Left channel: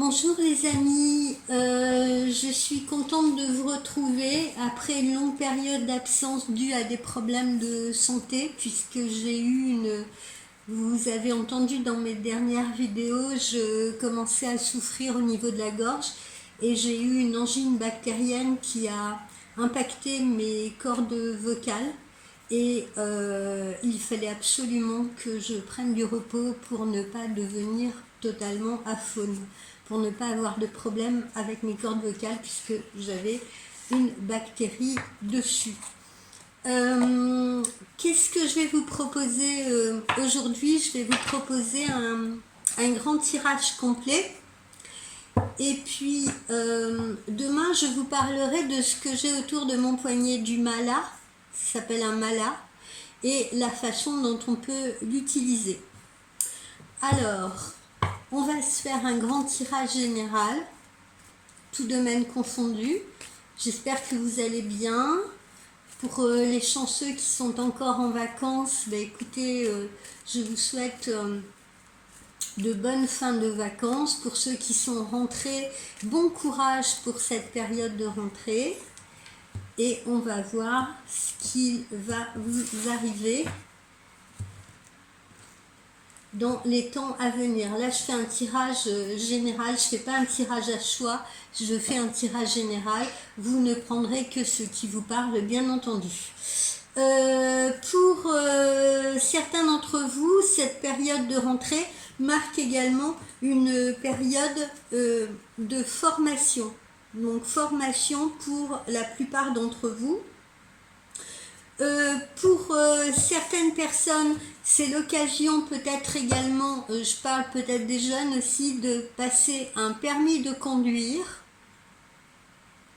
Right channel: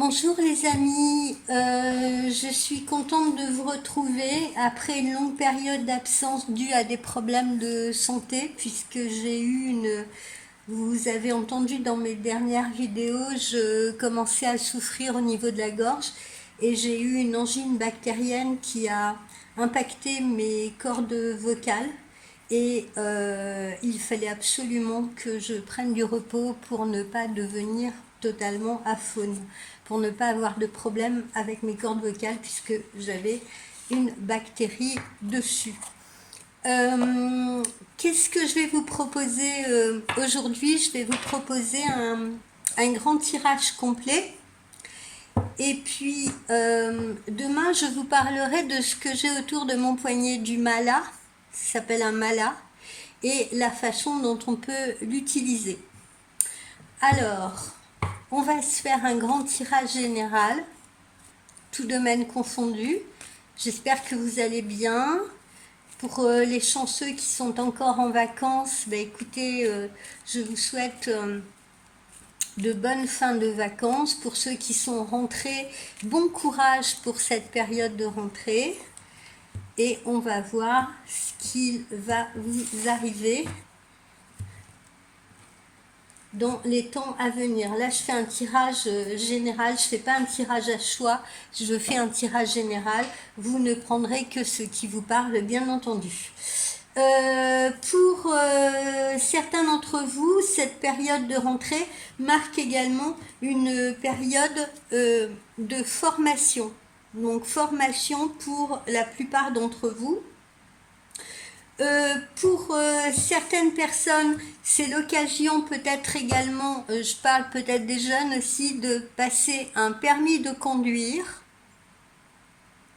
Bonjour les amis, je suis contente de vous retrouver après une longue période d'absence due à des problèmes de santé puisque j'ai eu vous avez entendu dans mes dernières vidéos, je commençais à souffrir au niveau de la gorge et j'ai eu une angine bactérienne qui a impacté mes cordes vocales et il fallait absolument que je prenne du repos pour ne pas devenir totalement aphone, pour ne pas avoir de problème avec mes cordes vocales puisque j'avais une bactérie dessus. Qu'est-ce que je vais vous proposer aujourd'hui? Je vais vous proposer un grand tirage complet. Et puis demain, je vous parlerai de ce que j'ai autour de mon poignet du mala. Ça s'appelle un mala. Et la façon dont on peut l'utiliser. Alors, on va se faire un grand tirage général, tout domaine confondu. J'espère que vous allez bien. Pour les chanceux qui sont encore en vacances, écoutez, je vous souhaite de bonnes fins de vacances. Pour ceux qui sont rentrés, bon courage pour cette période de rentrée. Et on va voir ce qui va vous arriver dans les temps à venir. Là, je fais un tirage général, je ne fais pas un tirage à choix, je fais un tirage général. Vous ne prendrez que ce qui vous parle, bien entendu. Pour certains d'entre vous, cette période de rentrée marque également une période de formation. Donc, formation pour la plupart d'entre vous. Pour certaines personnes, c'est l'occasion peut-être également, je parle peut-être des jeunes aussi, de passer un permis de conduire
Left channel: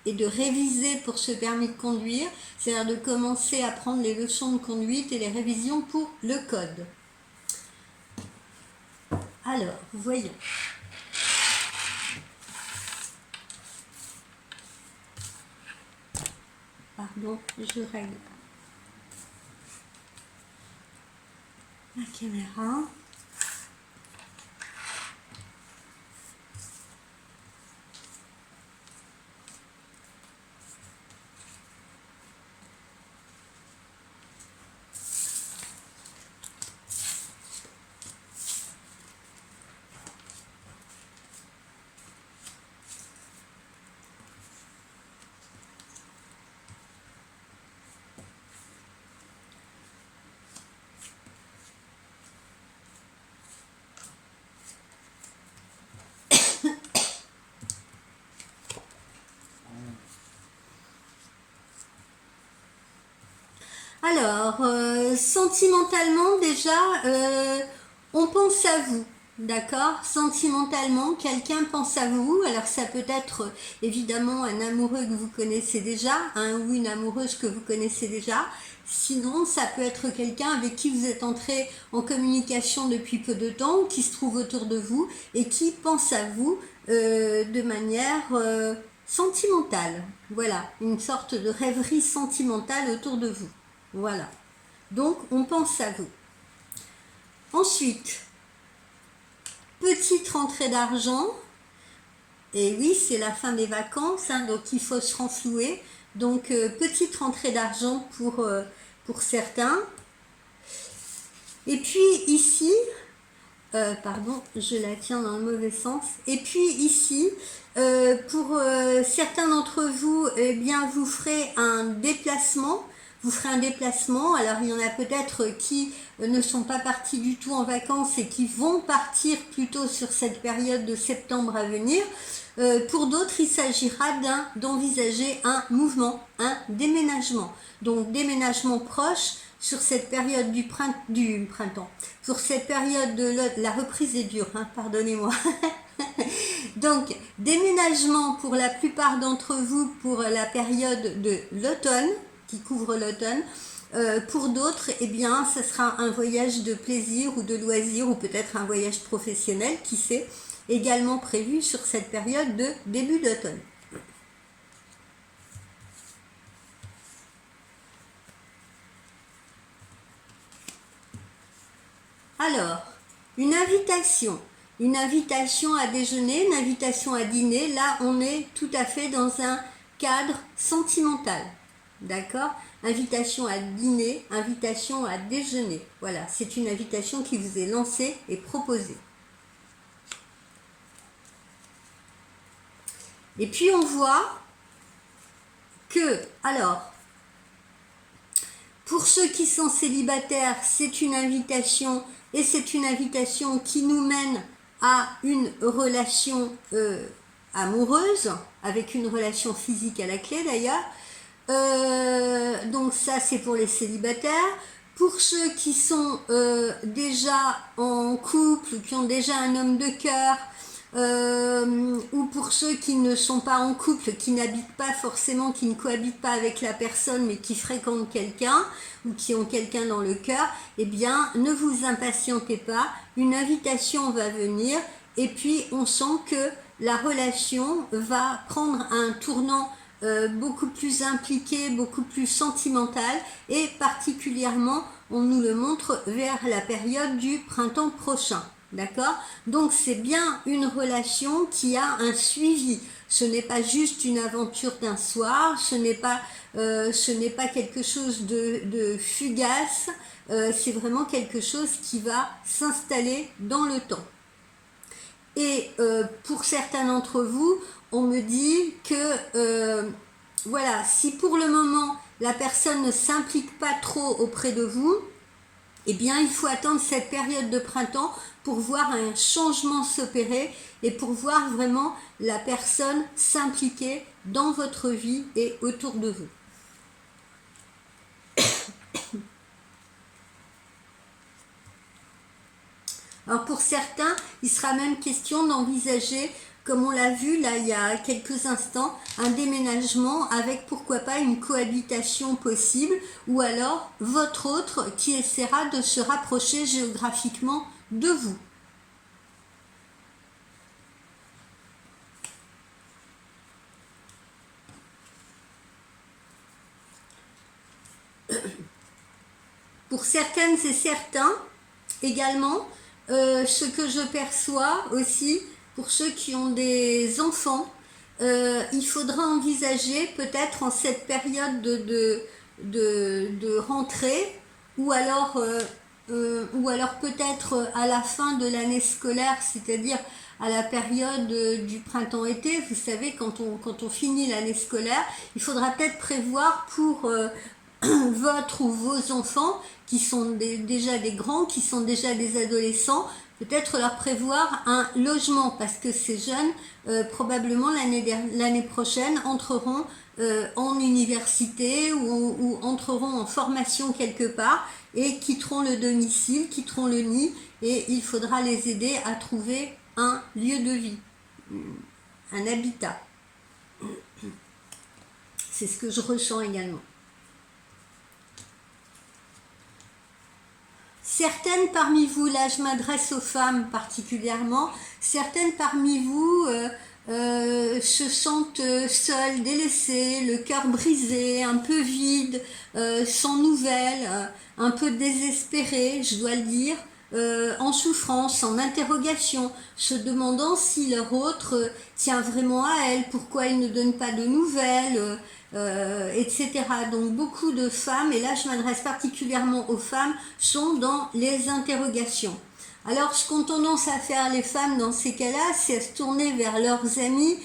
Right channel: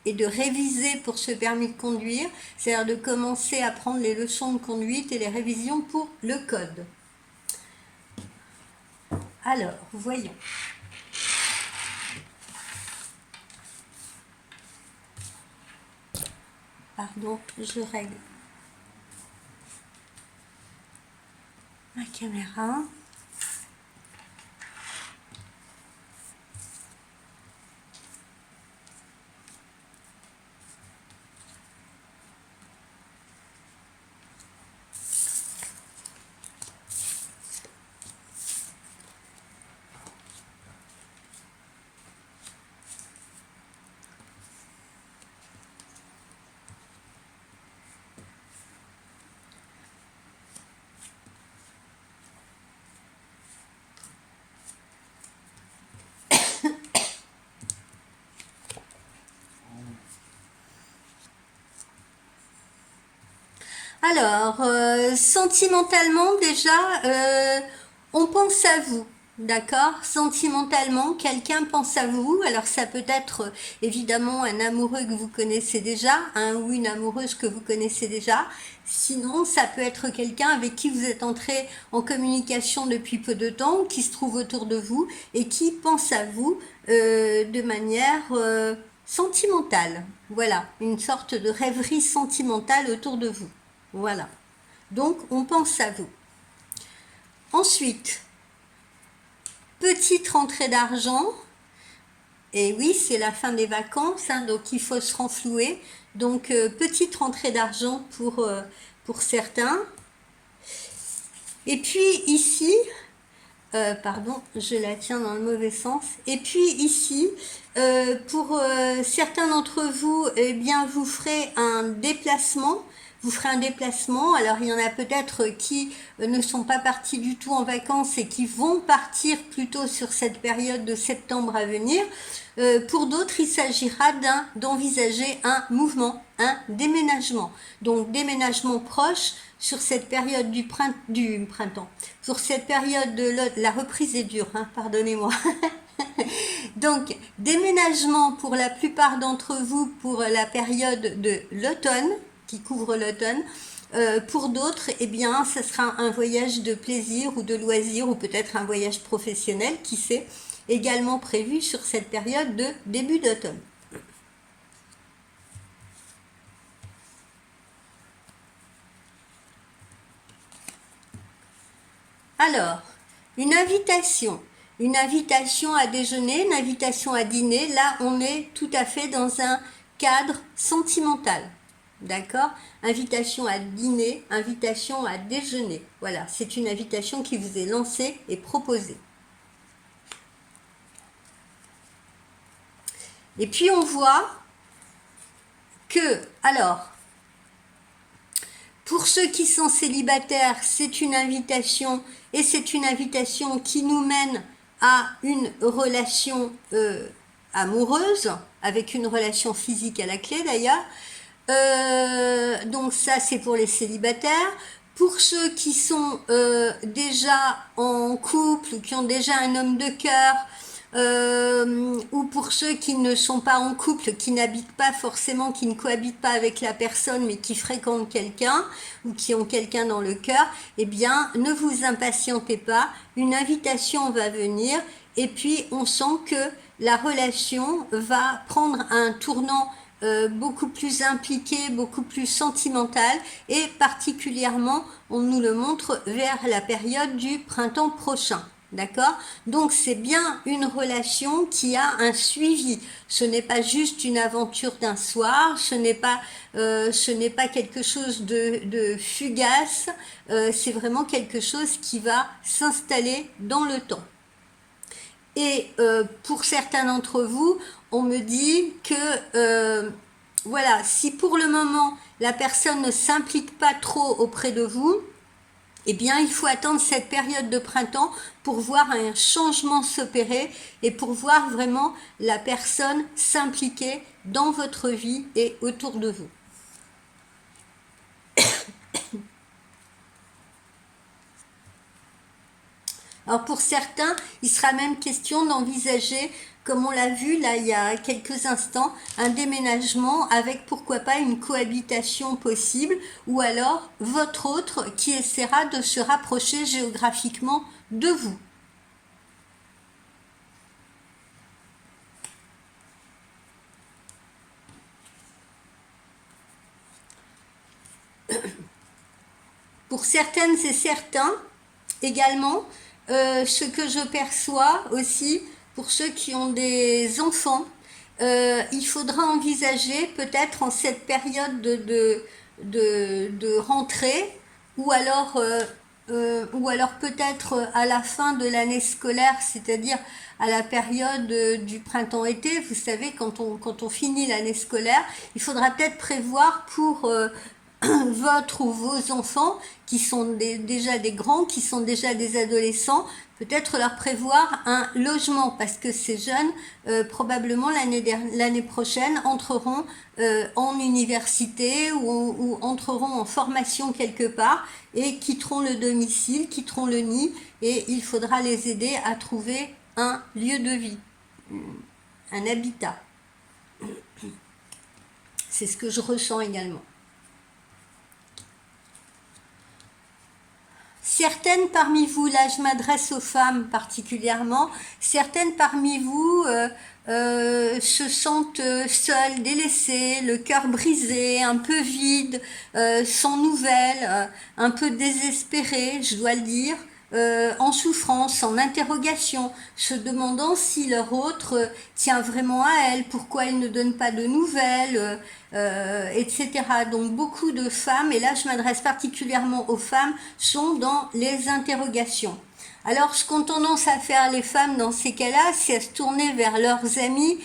et de réviser pour ce permis de conduire, c'est-à-dire de commencer à prendre les leçons de conduite et les révisions pour le code. Alors, voyons. Pardon, je règle ma caméra. Alors, sentimentalement déjà, on pense à vous, d'accord? Sentimentalement, quelqu'un pense à vous. Alors ça peut être évidemment un amoureux que vous connaissez déjà, ou une amoureuse que vous connaissez déjà. Sinon, ça peut être quelqu'un avec qui vous êtes entré en communication depuis peu de temps, qui se trouve autour de vous et qui pense à vous de manière sentimentale. Voilà, une sorte de rêverie sentimentale autour de vous. Voilà. Donc, on pense à vous. Ensuite, petite rentrée d'argent. Et oui, c'est la fin des vacances, donc il faut se renflouer. Donc, petite rentrée d'argent pour certains. Et puis ici, pardon, je la tiens dans le mauvais sens. Et puis ici, pour certains d'entre vous, eh bien, vous ferez un déplacement. Vous ferez un déplacement. Alors, il y en a peut-être qui ne sont pas partis du tout en vacances et qui vont partir plutôt sur cette période de septembre à venir. Pour d'autres, il s'agira d'envisager un mouvement, un déménagement. Donc, déménagement proche sur cette période du printemps. Sur cette période de la reprise est dure, pardonnez-moi. Donc, déménagement pour la plupart d'entre vous pour la période de l'automne, qui couvre l'automne. Pour d'autres, eh bien, ce sera un voyage de plaisir ou de loisir ou peut-être un voyage professionnel, qui sait, également prévu sur cette période de début d'automne. Alors, une invitation. Une invitation à déjeuner, une invitation à dîner, là on est tout à fait dans un cadre sentimental. D'accord? Invitation à dîner, invitation à déjeuner. Voilà, c'est une invitation qui vous est lancée et proposée. Et puis on voit que, alors, pour ceux qui sont célibataires, c'est une invitation et c'est une invitation qui nous mène à une relation amoureuse, avec une relation physique à la clé d'ailleurs. Donc ça c'est pour les célibataires. Pour ceux qui sont déjà en couple ou qui ont déjà un homme de cœur, ou pour ceux qui ne sont pas en couple, qui n'habitent pas forcément, qui ne cohabitent pas avec la personne, mais qui fréquentent quelqu'un ou qui ont quelqu'un dans le cœur, eh bien, ne vous impatientez pas, une invitation va venir et puis on sent que la relation va prendre un tournant beaucoup plus impliqué, beaucoup plus sentimental et particulièrement, on nous le montre vers la période du printemps prochain. D'accord? Donc c'est bien une relation qui a un suivi. Ce n'est pas juste une aventure d'un soir, ce n'est pas quelque chose de fugace, c'est vraiment quelque chose qui va s'installer dans le temps. Et pour certains d'entre vous, on me dit que voilà, si pour le moment la personne ne s'implique pas trop auprès de vous, eh bien, il faut attendre cette période de printemps pour voir un changement s'opérer et pour voir vraiment la personne s'impliquer dans votre vie et autour de vous. Alors pour certains, il sera même question d'envisager, comme on l'a vu là il y a quelques instants, un déménagement avec pourquoi pas une cohabitation possible ou alors votre autre qui essaiera de se rapprocher géographiquement de vous. Pour certaines et certains également, ce que je perçois aussi, pour ceux qui ont des enfants, il faudra envisager peut-être en cette période de rentrée ou alors peut-être à la fin de l'année scolaire, c'est-à-dire à la période du printemps-été, vous savez, quand on finit l'année scolaire, il faudra peut-être prévoir pour votre ou vos enfants qui sont déjà des grands, qui sont déjà des adolescents, peut-être leur prévoir un logement parce que ces jeunes, probablement l'année prochaine, entreront en université ou entreront en formation quelque part et quitteront le domicile, quitteront le nid et il faudra les aider à trouver un lieu de vie, un habitat. C'est ce que je ressens également. Certaines parmi vous, là je m'adresse aux femmes particulièrement, certaines parmi vous se sentent seules, délaissées, le cœur brisé, un peu vide, sans nouvelles, un peu désespérées, je dois le dire, en souffrance, en interrogation, se demandant si leur autre tient vraiment à elle, pourquoi elle ne donne pas de nouvelles, etc. Donc beaucoup de femmes, et là je m'adresse particulièrement aux femmes, sont dans les interrogations. Alors ce qu'ont tendance à faire les femmes dans ces cas-là, c'est à se tourner vers leurs amis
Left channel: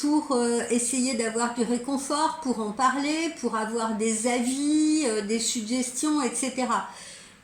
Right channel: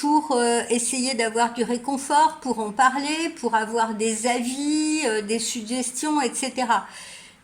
pour essayer d'avoir du réconfort, pour en parler, pour avoir des avis, des suggestions, etc.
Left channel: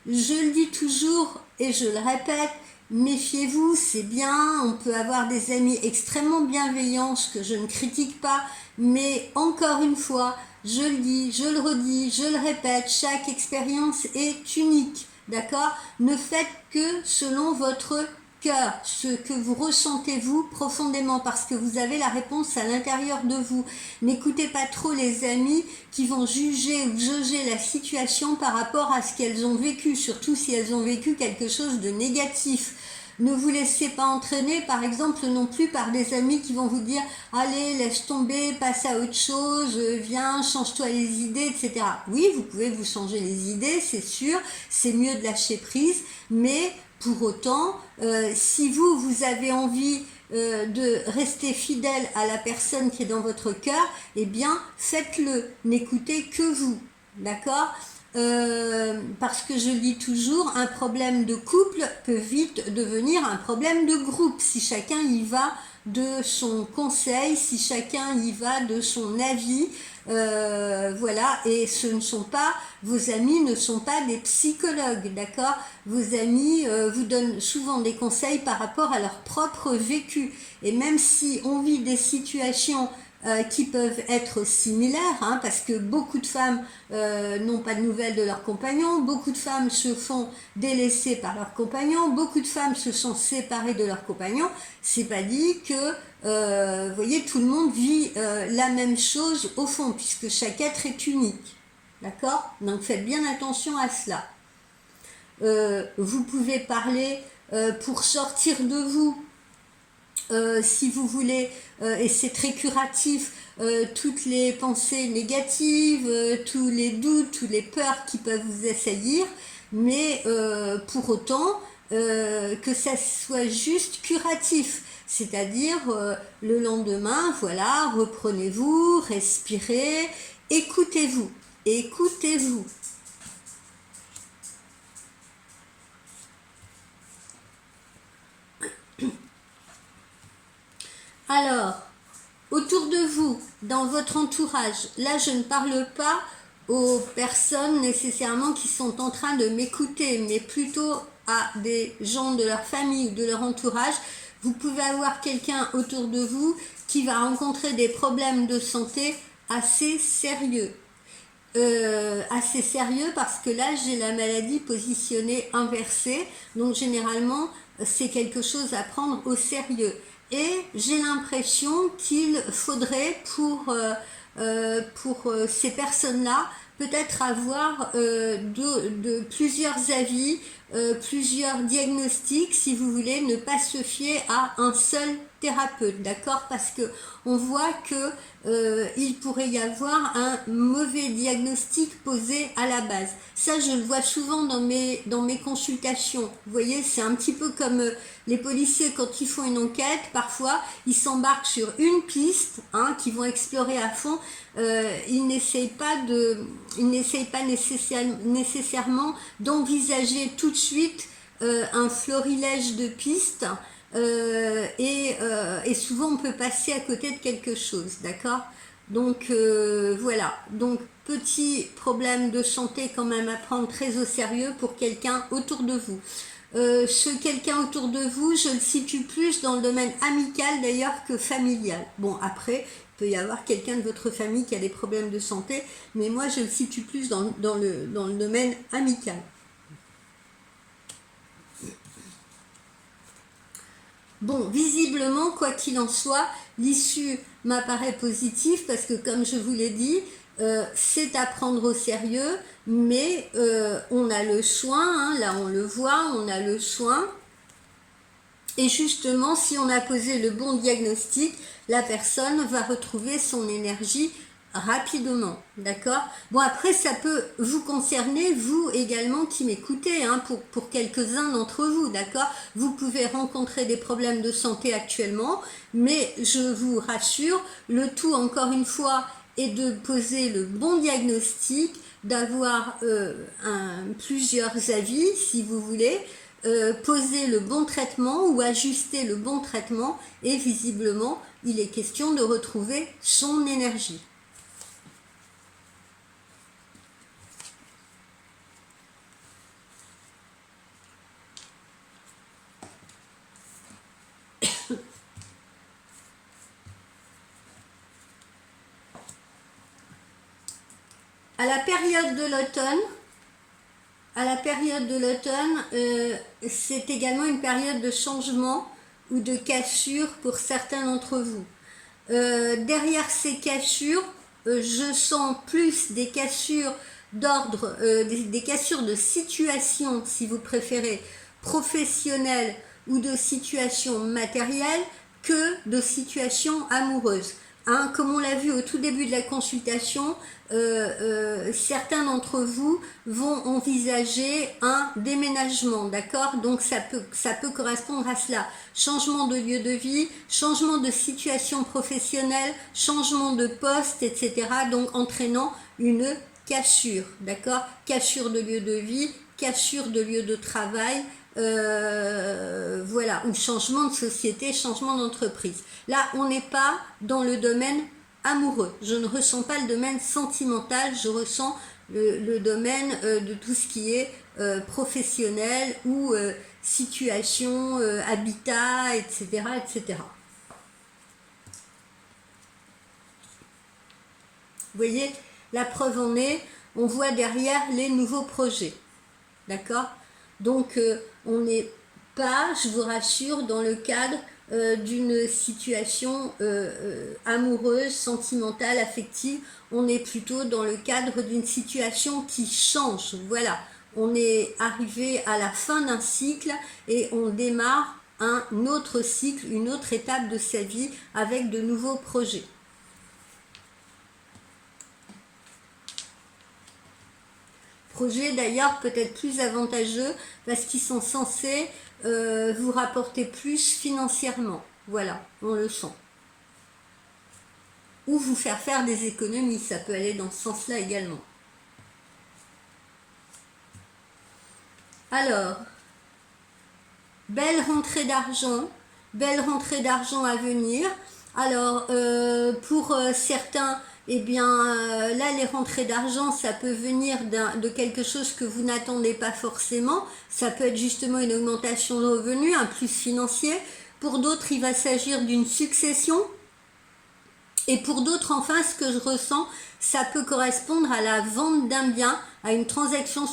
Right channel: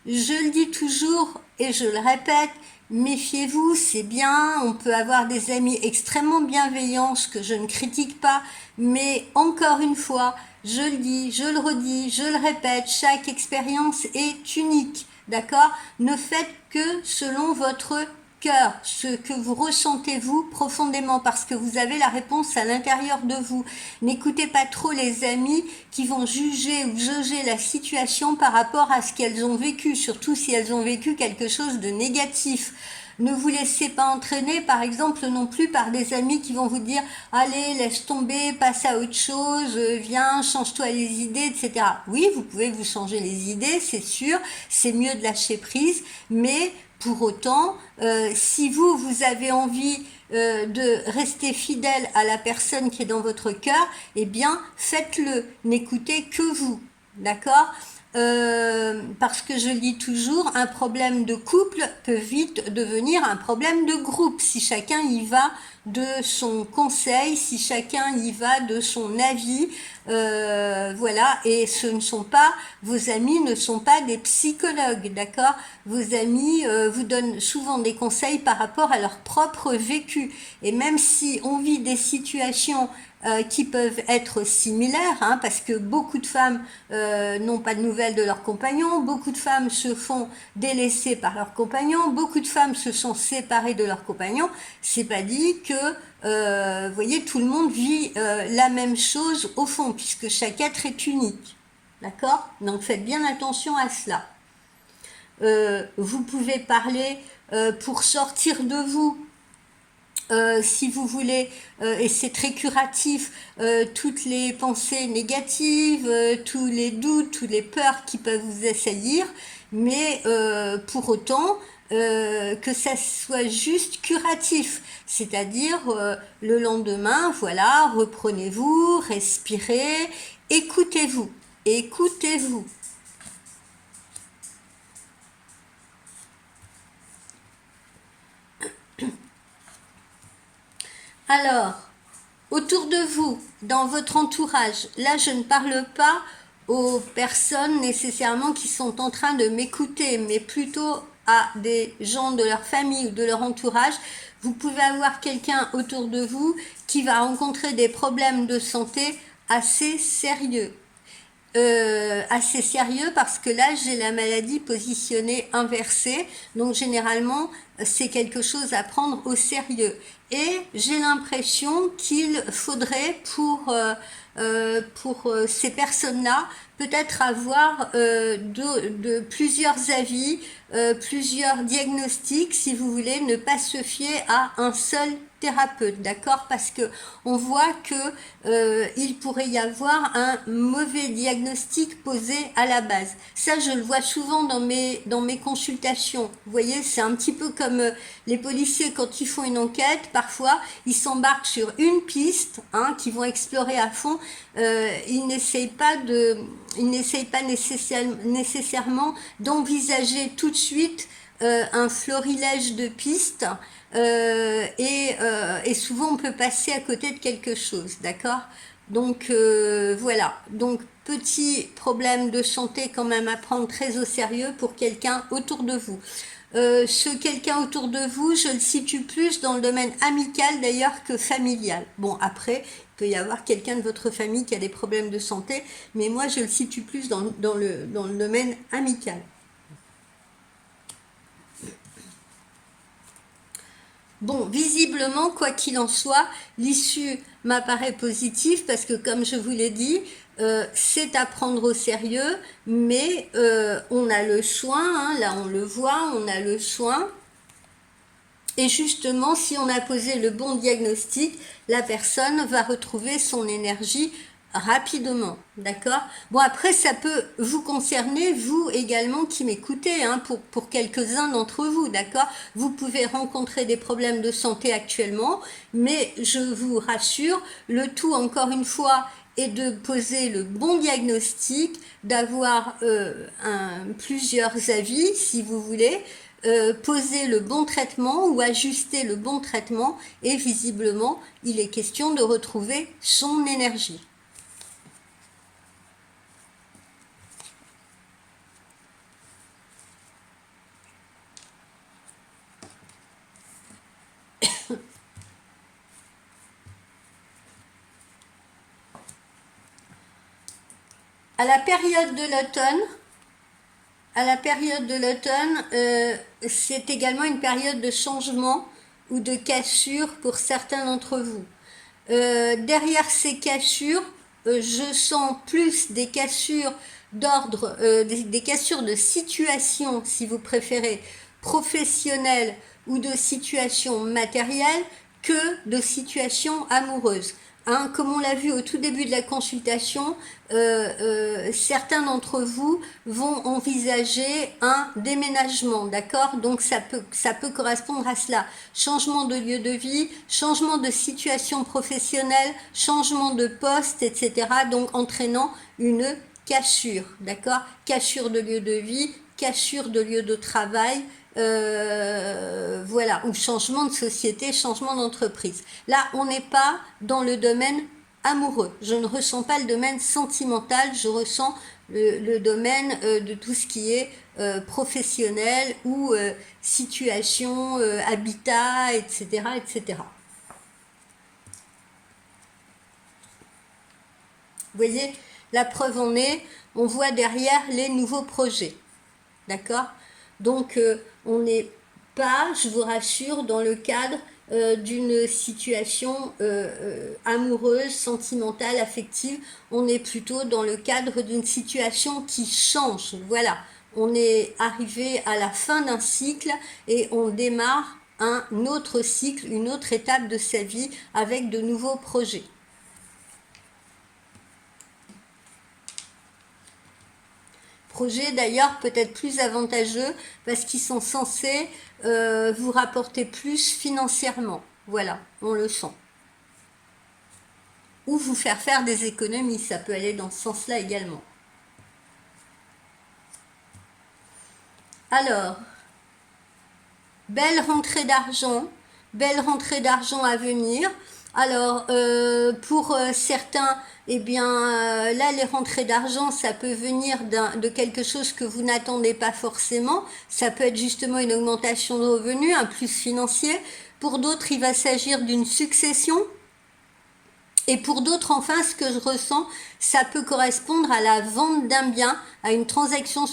Je le dis toujours et je le répète, méfiez-vous, c'est bien, on peut avoir des amis extrêmement bienveillants, ce que je ne critique pas, mais encore une fois, je le dis, je le redis, je le répète, chaque expérience est unique, d'accord? Ne faites que selon votre cœur, ce que vous ressentez vous profondément, parce que vous avez la réponse à l'intérieur de vous. N'écoutez pas trop les amis qui vont juger ou jauger la situation par rapport à ce qu'elles ont vécu, surtout si elles ont vécu quelque chose de négatif. Ne vous laissez pas entraîner, par exemple, non plus par des amis qui vont vous dire « Allez, laisse tomber, passe à autre chose, viens, change-toi les idées, etc. » Oui, vous pouvez vous changer les idées, c'est sûr, c'est mieux de lâcher prise, mais Pour autant, si vous avez envie de rester fidèle à la personne qui est dans votre cœur, eh bien, faites-le, n'écoutez que vous, d'accord? Parce que je lis toujours, un problème de couple peut vite devenir un problème de groupe si chacun y va de son conseil, si chacun y va de son avis, voilà, et ce ne sont pas, vos amis ne sont pas des psychologues, d'accord? Vos amis vous donnent souvent des conseils par rapport à leur propre vécu, et même si on vit des situations qui peuvent être similaires, hein, parce que beaucoup de femmes n'ont pas de nouvelles de leurs compagnons, beaucoup de femmes se font délaisser par leurs compagnons, beaucoup de femmes se sont séparées de leurs compagnons. C'est pas dit que, vous voyez, tout le monde vit la même chose au fond, puisque chaque être est unique, d'accord? Donc faites bien attention à cela. Vous pouvez parler pour sortir de vous. Si vous voulez, et c'est très curatif, toutes les pensées négatives, tous les doutes, toutes les peurs qui peuvent vous assaillir, mais pour autant que ça soit juste curatif, c'est-à-dire le lendemain, voilà, reprenez-vous, respirez, écoutez-vous, écoutez-vous. Alors, autour de vous, dans votre entourage, là je ne parle pas aux personnes nécessairement qui sont en train de m'écouter, mais plutôt à des gens de leur famille ou de leur entourage. Vous pouvez avoir quelqu'un autour de vous qui va rencontrer des problèmes de santé assez sérieux. Assez sérieux parce que là j'ai la maladie positionnée inversée, donc généralement c'est quelque chose à prendre au sérieux, et j'ai l'impression qu'il faudrait pour ces personnes-là peut-être avoir de plusieurs avis, plusieurs diagnostics, si vous voulez, ne pas se fier à un seul thérapeute, d'accord? Parce que on voit que il pourrait y avoir un mauvais diagnostic posé à la base. Ça, je le vois souvent dans mes consultations. Vous voyez, c'est un petit peu comme les policiers quand ils font une enquête. Parfois, ils s'embarquent sur une piste, hein, qu'ils vont explorer à fond. Ils n'essayent pas nécessairement d'envisager tout de suite un florilège de pistes. Et souvent on peut passer à côté de quelque chose, d'accord? Donc voilà, donc petit problème de santé quand même à prendre très au sérieux pour quelqu'un autour de vous. Ce quelqu'un autour de vous, je le situe plus dans le domaine amical d'ailleurs que familial. Bon, après, il peut y avoir quelqu'un de votre famille qui a des problèmes de santé, mais moi je le situe plus dans le domaine amical. Bon, visiblement, quoi qu'il en soit, l'issue m'apparaît positive parce que, comme je vous l'ai dit, c'est à prendre au sérieux, mais on a le soin, hein, là on le voit, on a le soin. Et justement, si on a posé le bon diagnostic, la personne va retrouver son énergie rapidement, d'accord? Bon, après, ça peut vous concerner, vous également qui m'écoutez, hein, pour quelques-uns d'entre vous, d'accord? Vous pouvez rencontrer des problèmes de santé actuellement, mais je vous rassure, le tout, encore une fois, est de poser le bon diagnostic, d'avoir plusieurs avis, si vous voulez, poser le bon traitement ou ajuster le bon traitement, et visiblement, il est question de retrouver son énergie. À la période de l'automne, c'est également une période de changement ou de cassure pour certains d'entre vous. Derrière ces cassures, je sens plus des cassures d'ordre, des cassures de situation, si vous préférez, professionnelles ou de situation matérielle, que de situation amoureuse. Comme on l'a vu au tout début de la consultation, certains d'entre vous vont envisager un déménagement, d'accord? Donc ça peut correspondre à cela. Changement de lieu de vie, changement de situation professionnelle, changement de poste, etc. Donc entraînant une cassure, d'accord? Cassure de lieu de vie, cassure de lieu de travail, voilà, ou changement de société, changement d'entreprise. Là, on n'est pas dans le domaine amoureux. Je ne ressens pas le domaine sentimental, je ressens le domaine de tout ce qui est professionnel ou situation, habitat, etc., etc. Vous voyez, la preuve en est, on voit derrière les nouveaux projets. D'accord? Donc, on n'est pas, je vous rassure, dans le cadre d'une situation amoureuse, sentimentale, affective. On est plutôt dans le cadre d'une situation qui change. Voilà, on est arrivé à la fin d'un cycle et on démarre un autre cycle, une autre étape de sa vie avec de nouveaux projets. Projets d'ailleurs peut-être plus avantageux parce qu'ils sont censés vous rapporter plus financièrement. Voilà, on le sent. Ou vous faire des économies, ça peut aller dans ce sens-là également. Alors, belle rentrée d'argent à venir. Alors, pour certains, eh bien, là, les rentrées d'argent, ça peut venir de quelque chose que vous n'attendez pas forcément. Ça peut être justement une augmentation de revenus, un plus financier. Pour d'autres, il va s'agir d'une succession. Et pour d'autres, enfin, ce que je ressens, ça peut correspondre à la vente d'un bien, à une transaction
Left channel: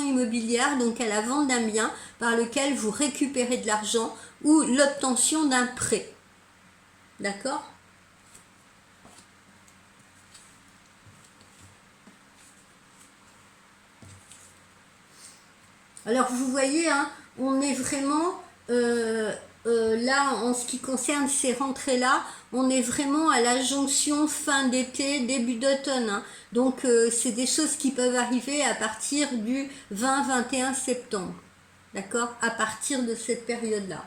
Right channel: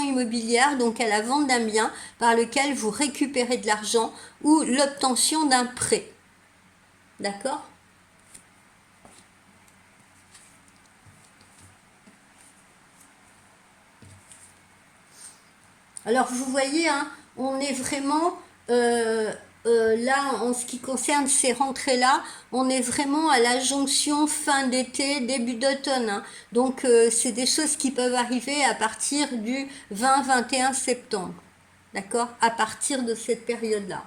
immobilière, donc à la vente d'un bien par lequel vous récupérez de l'argent ou l'obtention d'un prêt. D'accord? Alors vous voyez, hein, on est vraiment là en ce qui concerne ces rentrées-là, on est vraiment à la jonction fin d'été, début d'automne. Hein. Donc c'est des choses qui peuvent arriver à partir du 20-21 septembre. D'accord? À partir de cette période-là.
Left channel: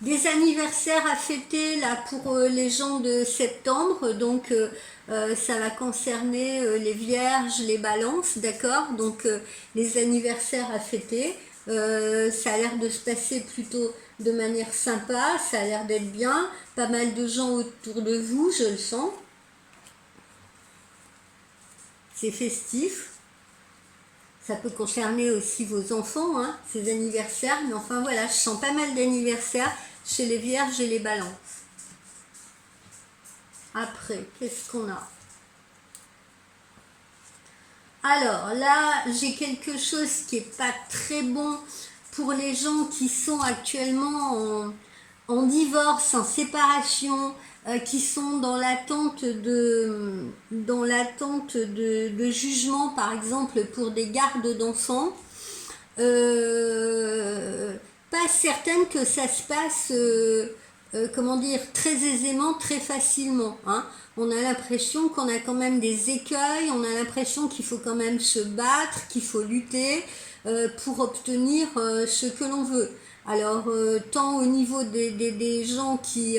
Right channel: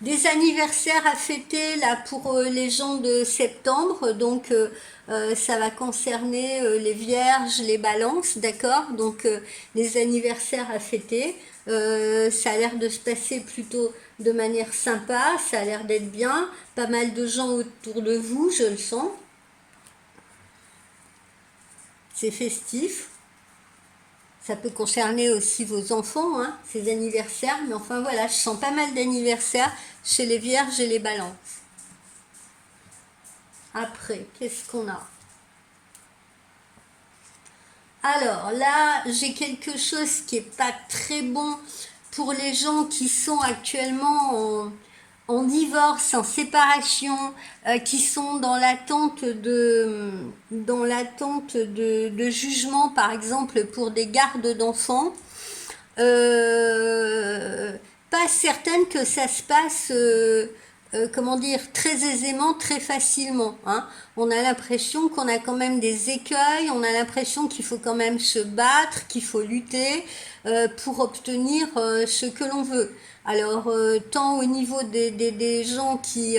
Des anniversaires à fêter là pour les gens de septembre, donc ça va concerner les vierges, les balances, d'accord? Donc les anniversaires à fêter, ça a l'air de se passer plutôt de manière sympa, ça a l'air d'être bien, pas mal de gens autour de vous, je le sens. C'est festif. Ça peut concerner aussi vos enfants, hein, ces anniversaires. Mais enfin voilà, je sens pas mal d'anniversaires chez les vierges et les balances. Après, qu'est-ce qu'on a? Alors là, j'ai quelque chose qui est pas très bon pour les gens qui sont actuellement en divorce, en séparation, qui sont dans l'attente de jugement, par exemple pour des gardes d'enfants. Pas certaine que ça se passe, comment dire, très aisément, très facilement. Hein. On a l'impression qu'on a quand même des écueils, on a l'impression qu'il faut quand même se battre, qu'il faut lutter pour obtenir ce que l'on veut. Alors, tant au niveau des gens qui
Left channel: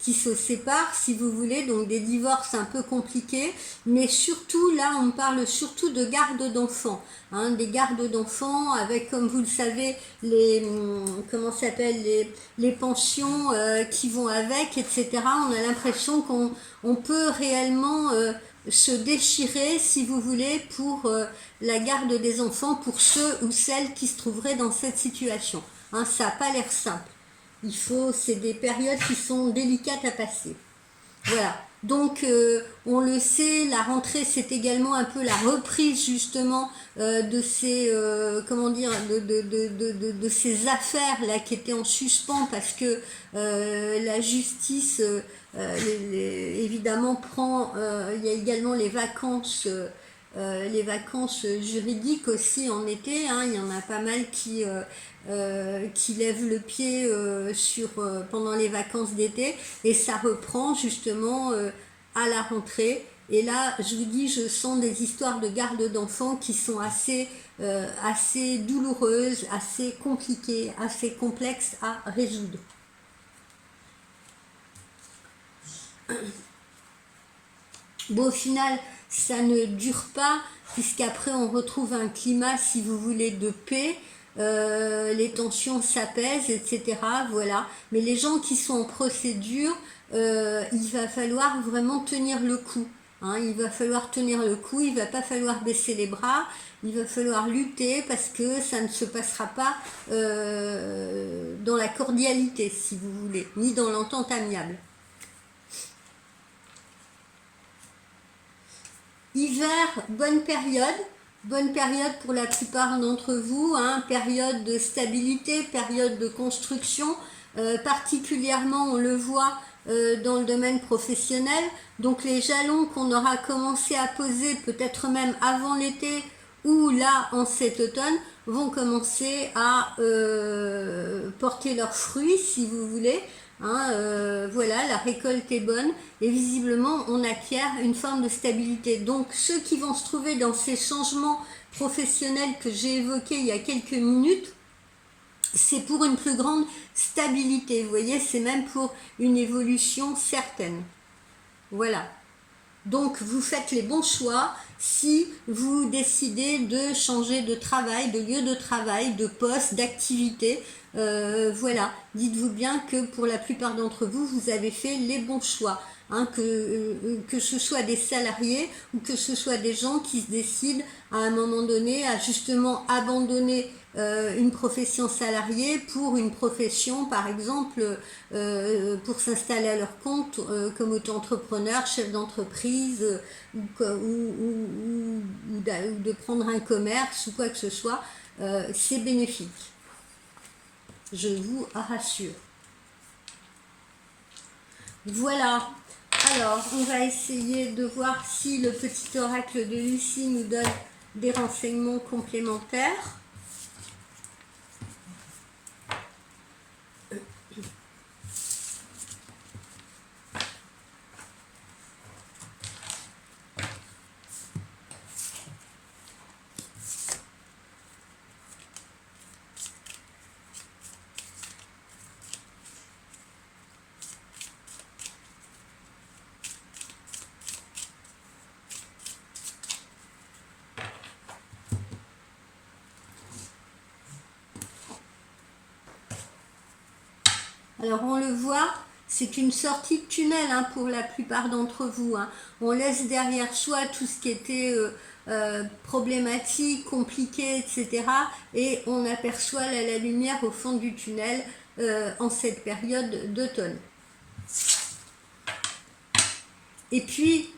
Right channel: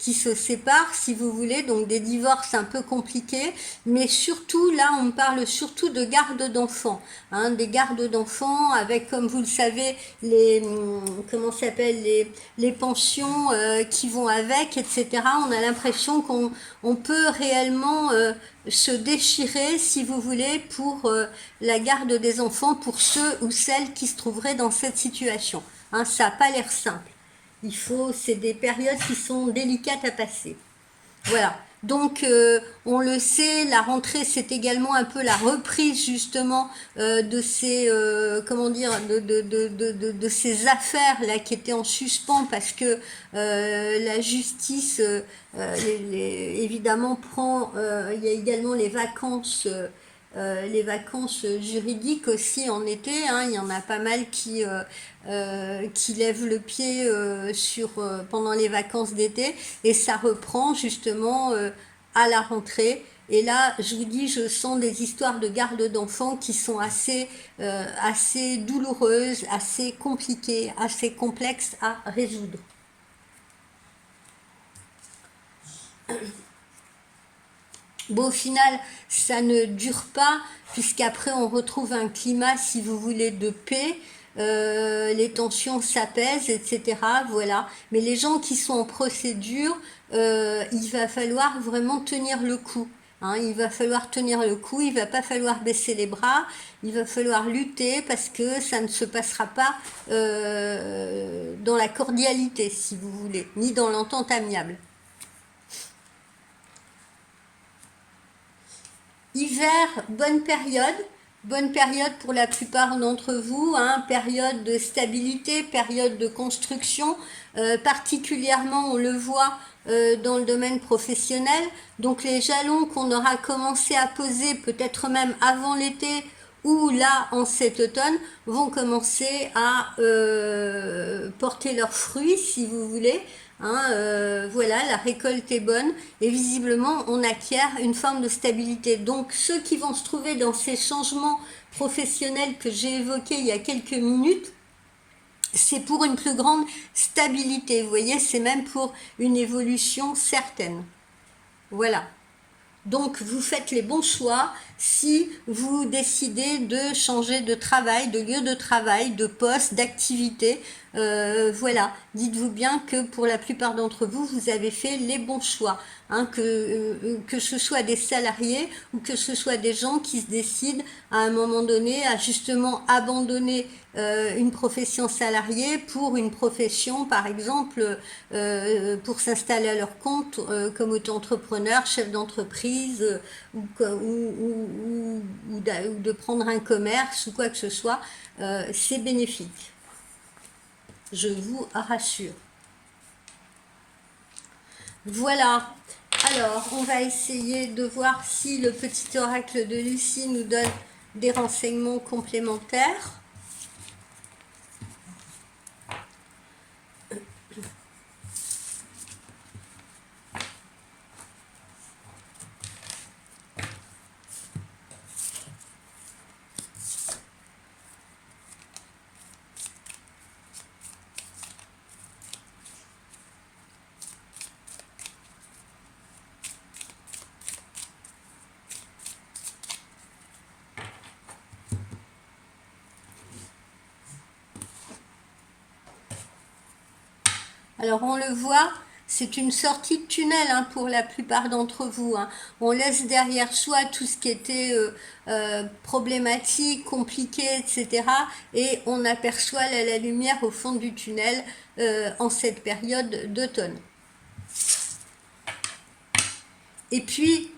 se séparent, si vous voulez, donc des divorces un peu compliqués, mais surtout, là, on parle surtout de garde d'enfants, hein, des gardes d'enfants avec, comme vous le savez, comment s'appelle, les pensions qui vont avec, etc. On a l'impression qu'on peut réellement se déchirer, si vous voulez, pour la garde des enfants, pour ceux ou celles qui se trouveraient dans cette situation. Hein, ça n'a pas l'air simple. C'est des périodes qui sont délicates à passer. Voilà. Donc, on le sait, la rentrée, c'est également un peu la reprise justement de ces, comment dire, de ces affaires là qui étaient en suspens parce que la justice, évidemment, il y a également les vacances. les vacances juridiques aussi en été, hein. Il y en a pas mal qui lèvent le pied pendant les vacances d'été et ça reprend justement à la rentrée. Et là, je vous dis, je sens des histoires de garde d'enfants qui sont assez douloureuses, assez compliquées, assez complexes à résoudre. Bon, au final, ça ne dure pas, puisqu'après on retrouve un climat, si vous voulez, de paix. Les tensions s'apaisent, etc. Voilà. Mais les gens qui sont en procédure, il va falloir vraiment tenir le coup. Hein. Il va falloir tenir le coup, il va pas falloir baisser les bras, il va falloir lutter parce que ça ne se passera pas dans la cordialité, si vous voulez, ni dans l'entente amiable. Hiver, bonne période pour la plupart d'entre vous, hein, période de stabilité, période de construction, particulièrement on le voit dans le domaine professionnel. Donc les jalons qu'on aura commencé à poser peut-être même avant l'été ou là en cet automne vont commencer à porter leurs fruits si vous voulez. Hein, voilà, la récolte est bonne et visiblement on acquiert une forme de stabilité. Donc ceux qui vont se trouver dans ces changements professionnels que j'ai évoqués il y a quelques minutes, c'est pour une plus grande stabilité. Vous voyez, c'est même pour une évolution certaine. Voilà. Donc vous faites les bons choix si vous décidez de changer de travail, de lieu de travail, de poste, d'activité. Voilà, dites-vous bien que pour la plupart d'entre vous, vous avez fait les bons choix. Hein, que ce soit des salariés ou que ce soit des gens qui se décident à un moment donné à justement abandonner une profession salariée pour une profession, par exemple, pour s'installer à leur compte comme auto-entrepreneur, chef d'entreprise ou de prendre un commerce ou quoi que ce soit, c'est bénéfique. Je vous rassure. Voilà. Alors, on va essayer de voir si le petit oracle de Lucie nous donne des renseignements complémentaires. Alors on le voit, c'est une sortie de tunnel hein, pour la plupart d'entre vous. Hein. On laisse derrière soi tout ce qui était problématique, compliqué, etc. Et on aperçoit la lumière au fond du tunnel en cette période d'automne. Et puis,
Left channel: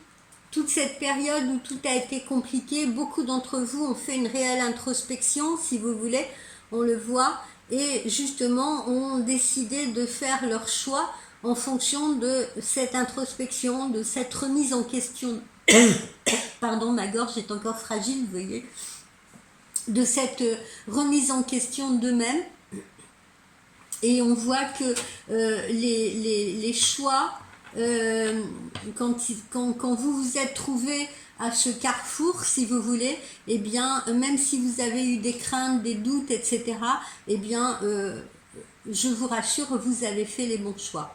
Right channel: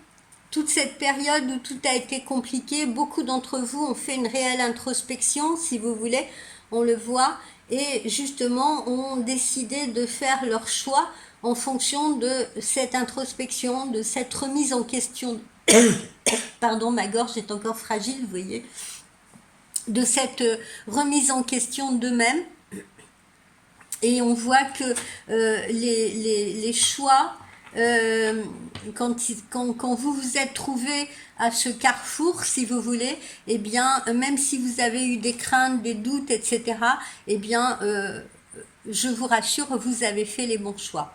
toute cette période où tout a été compliqué, beaucoup d'entre vous ont fait une réelle introspection, si vous voulez, on le voit, et justement ont décidé de faire leur choix en fonction de cette introspection, de cette remise en question. Pardon, ma gorge est encore fragile, vous voyez. De cette remise en question d'eux-mêmes. Et on voit que les choix, quand vous vous êtes trouvé à ce carrefour, si vous voulez, eh bien, même si vous avez eu des craintes, des doutes, etc., eh bien, je vous rassure, vous avez fait les bons choix.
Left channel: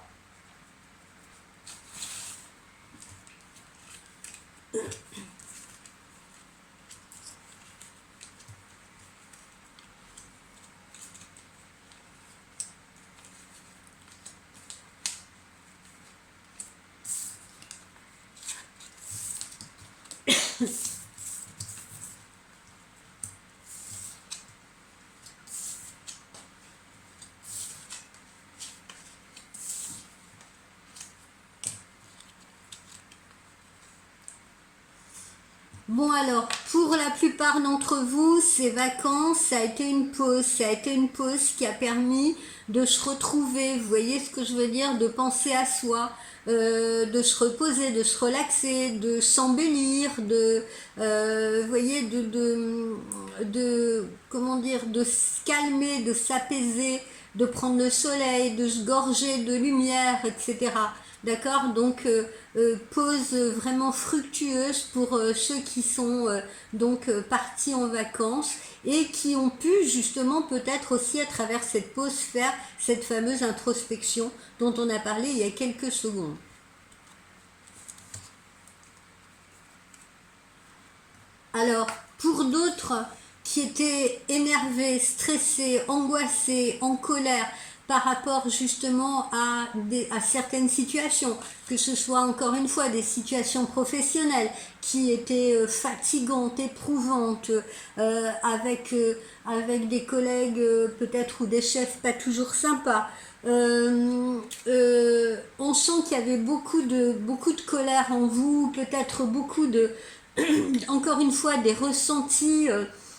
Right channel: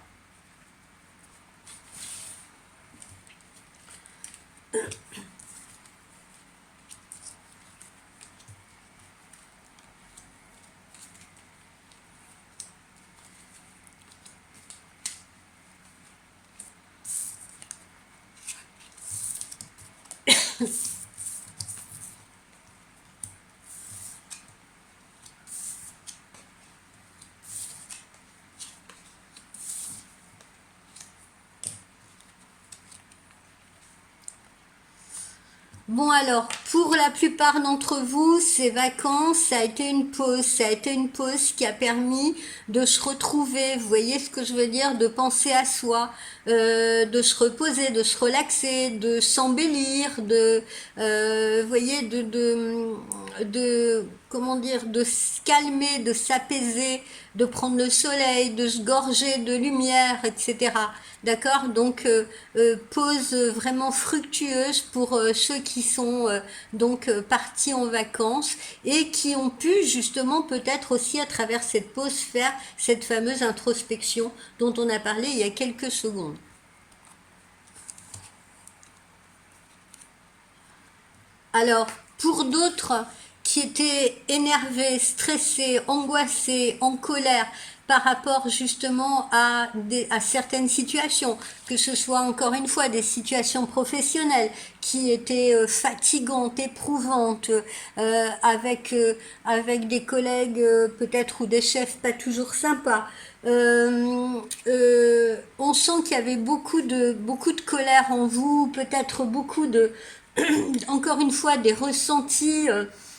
Bon alors, pour la plupart d'entre vous, ces vacances, ça a été une pause. Ça a été une pause qui a permis de se retrouver, vous voyez ce que je veux dire, de penser à soi, de se reposer, de se relaxer, de s'embellir, vous voyez, comment dire, de se calmer, de s'apaiser, de prendre le soleil, de se gorger de lumière, etc. D'accord? Donc, pause vraiment fructueuse pour ceux qui sont partis en vacances et qui ont pu justement peut-être aussi à travers cette pause faire cette fameuse introspection dont on a parlé il y a quelques secondes. Alors, pour d'autres qui étaient énervés, stressés, angoissés, en colère par rapport justement à certaines situations, que ce soit encore une fois des situations professionnelles qui étaient fatigantes, éprouvantes, avec des collègues peut-être ou des chefs pas toujours sympas. On sent qu'il y avait beaucoup de colère en vous, peut-être beaucoup de encore une fois des ressentis